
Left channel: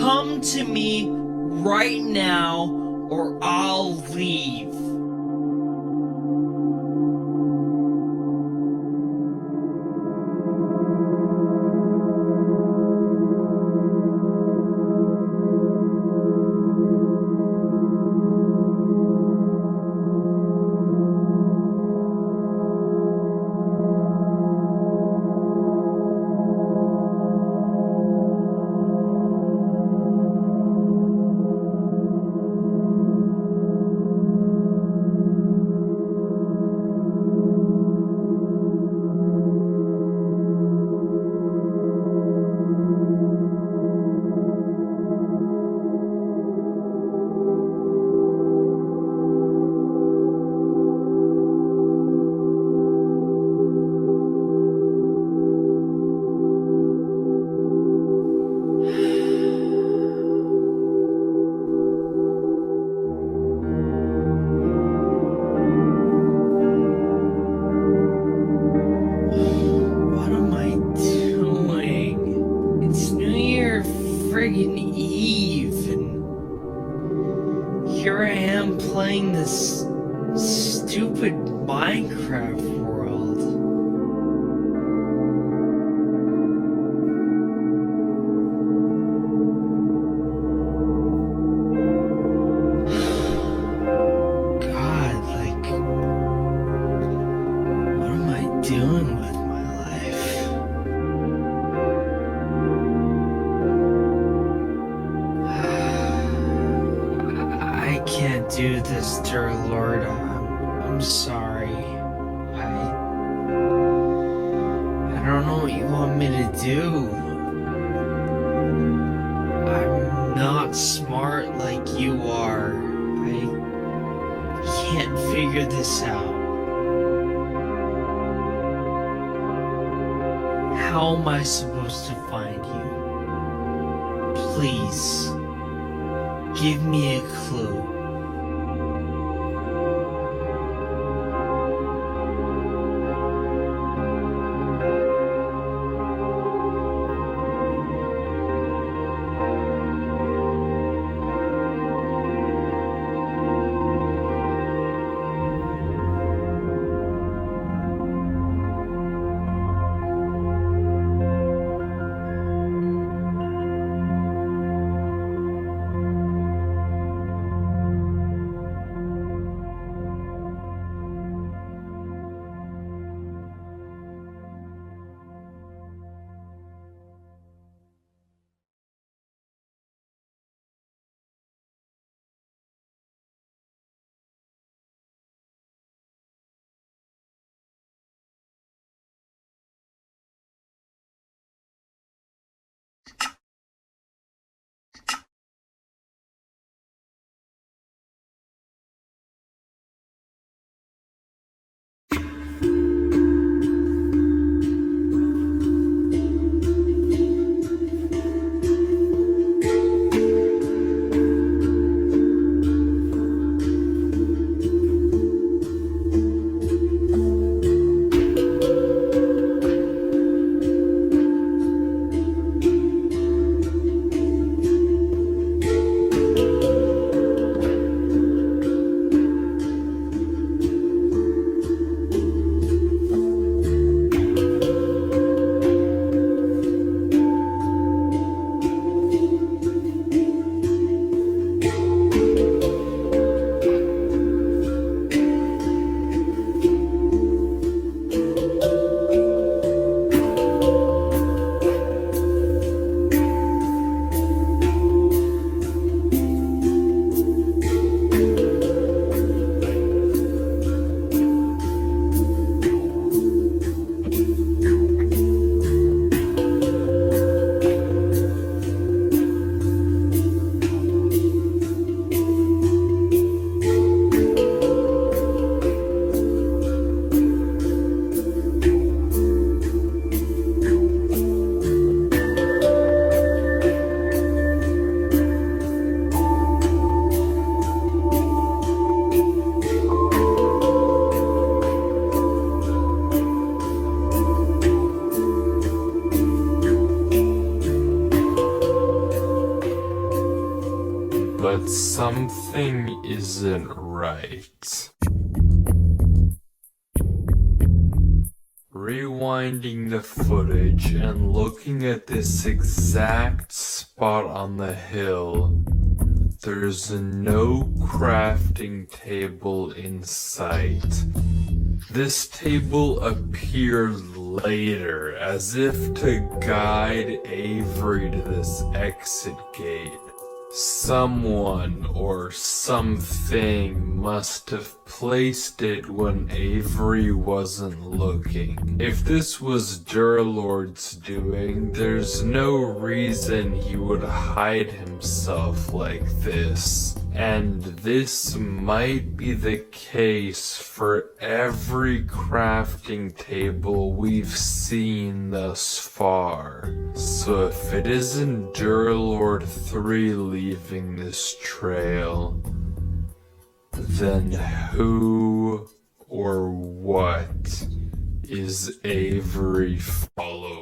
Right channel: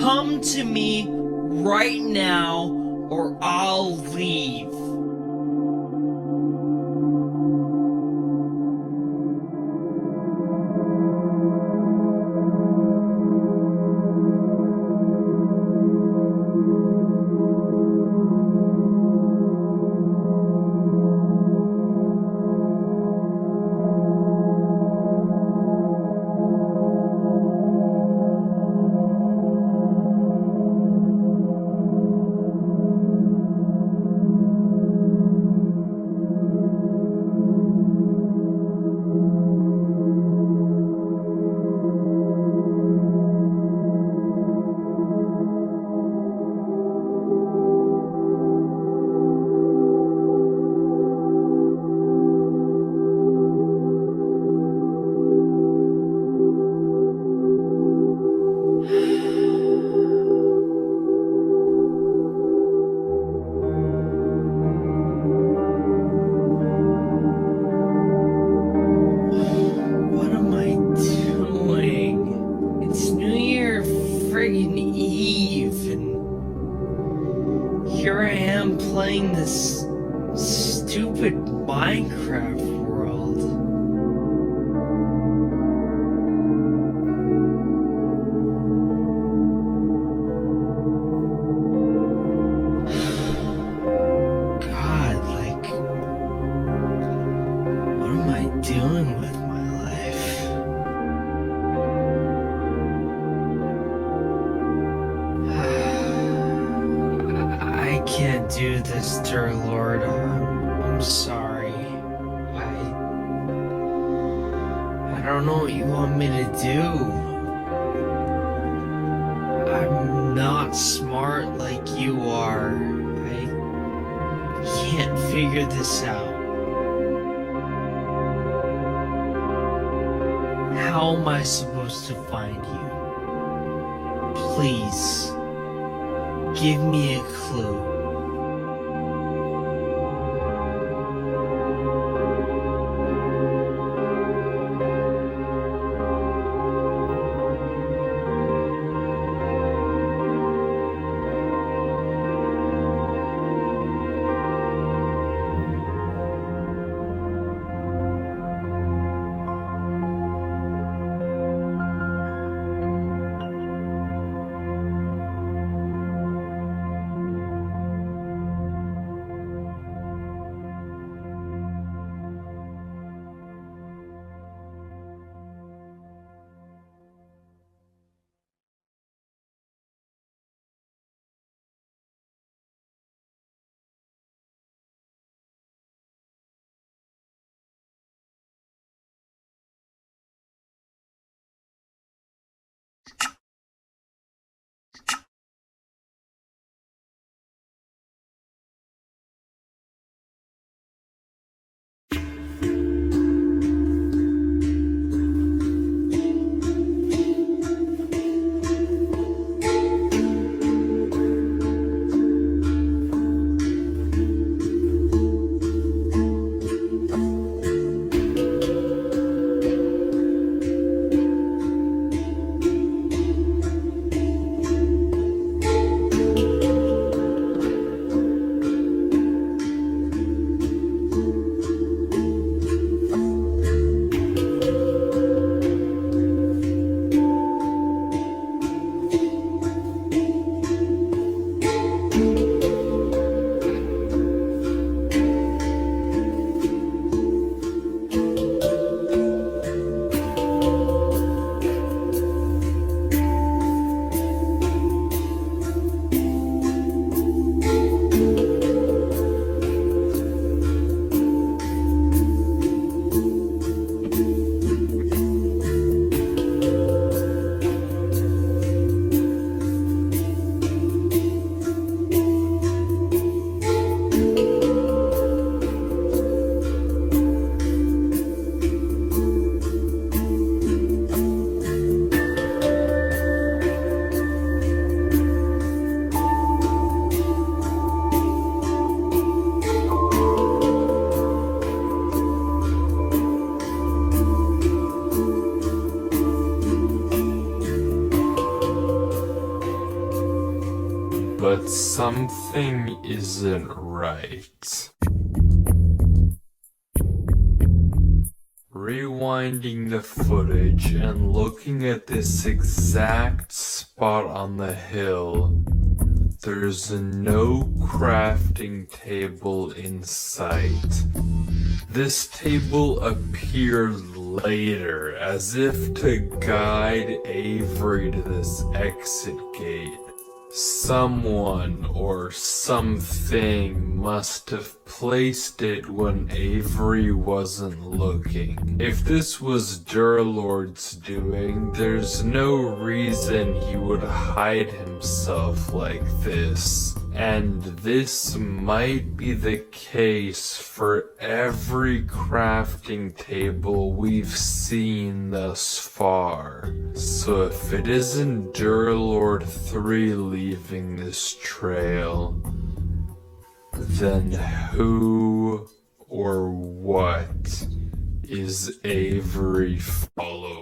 Come to me right now, or I'll leave. Friggin' Eve, and here I am playing this stupid Minecraft world. God, like, what am I doing with my life? I can't do this, Durlord. I'm sorry. I don't know what you want me to do. I'm not smart like you are. I can't figure this out. How am I supposed to find you? Please. Give me a clue. something isn't right. Rewinding the footage and looking at this exact spot on the hill, there's no crafting table in sight. This table appeared later, as if to guide Avery to this exit gate. Someone or something must have placed it when Avery wasn't looking. If this was Durlord's doing, there's no reason he would hide himself like this. And this might be the case for every crafting table we've seen thus far. So if it isn't Durlord 3 leaving this trail, then who or what is Avery following?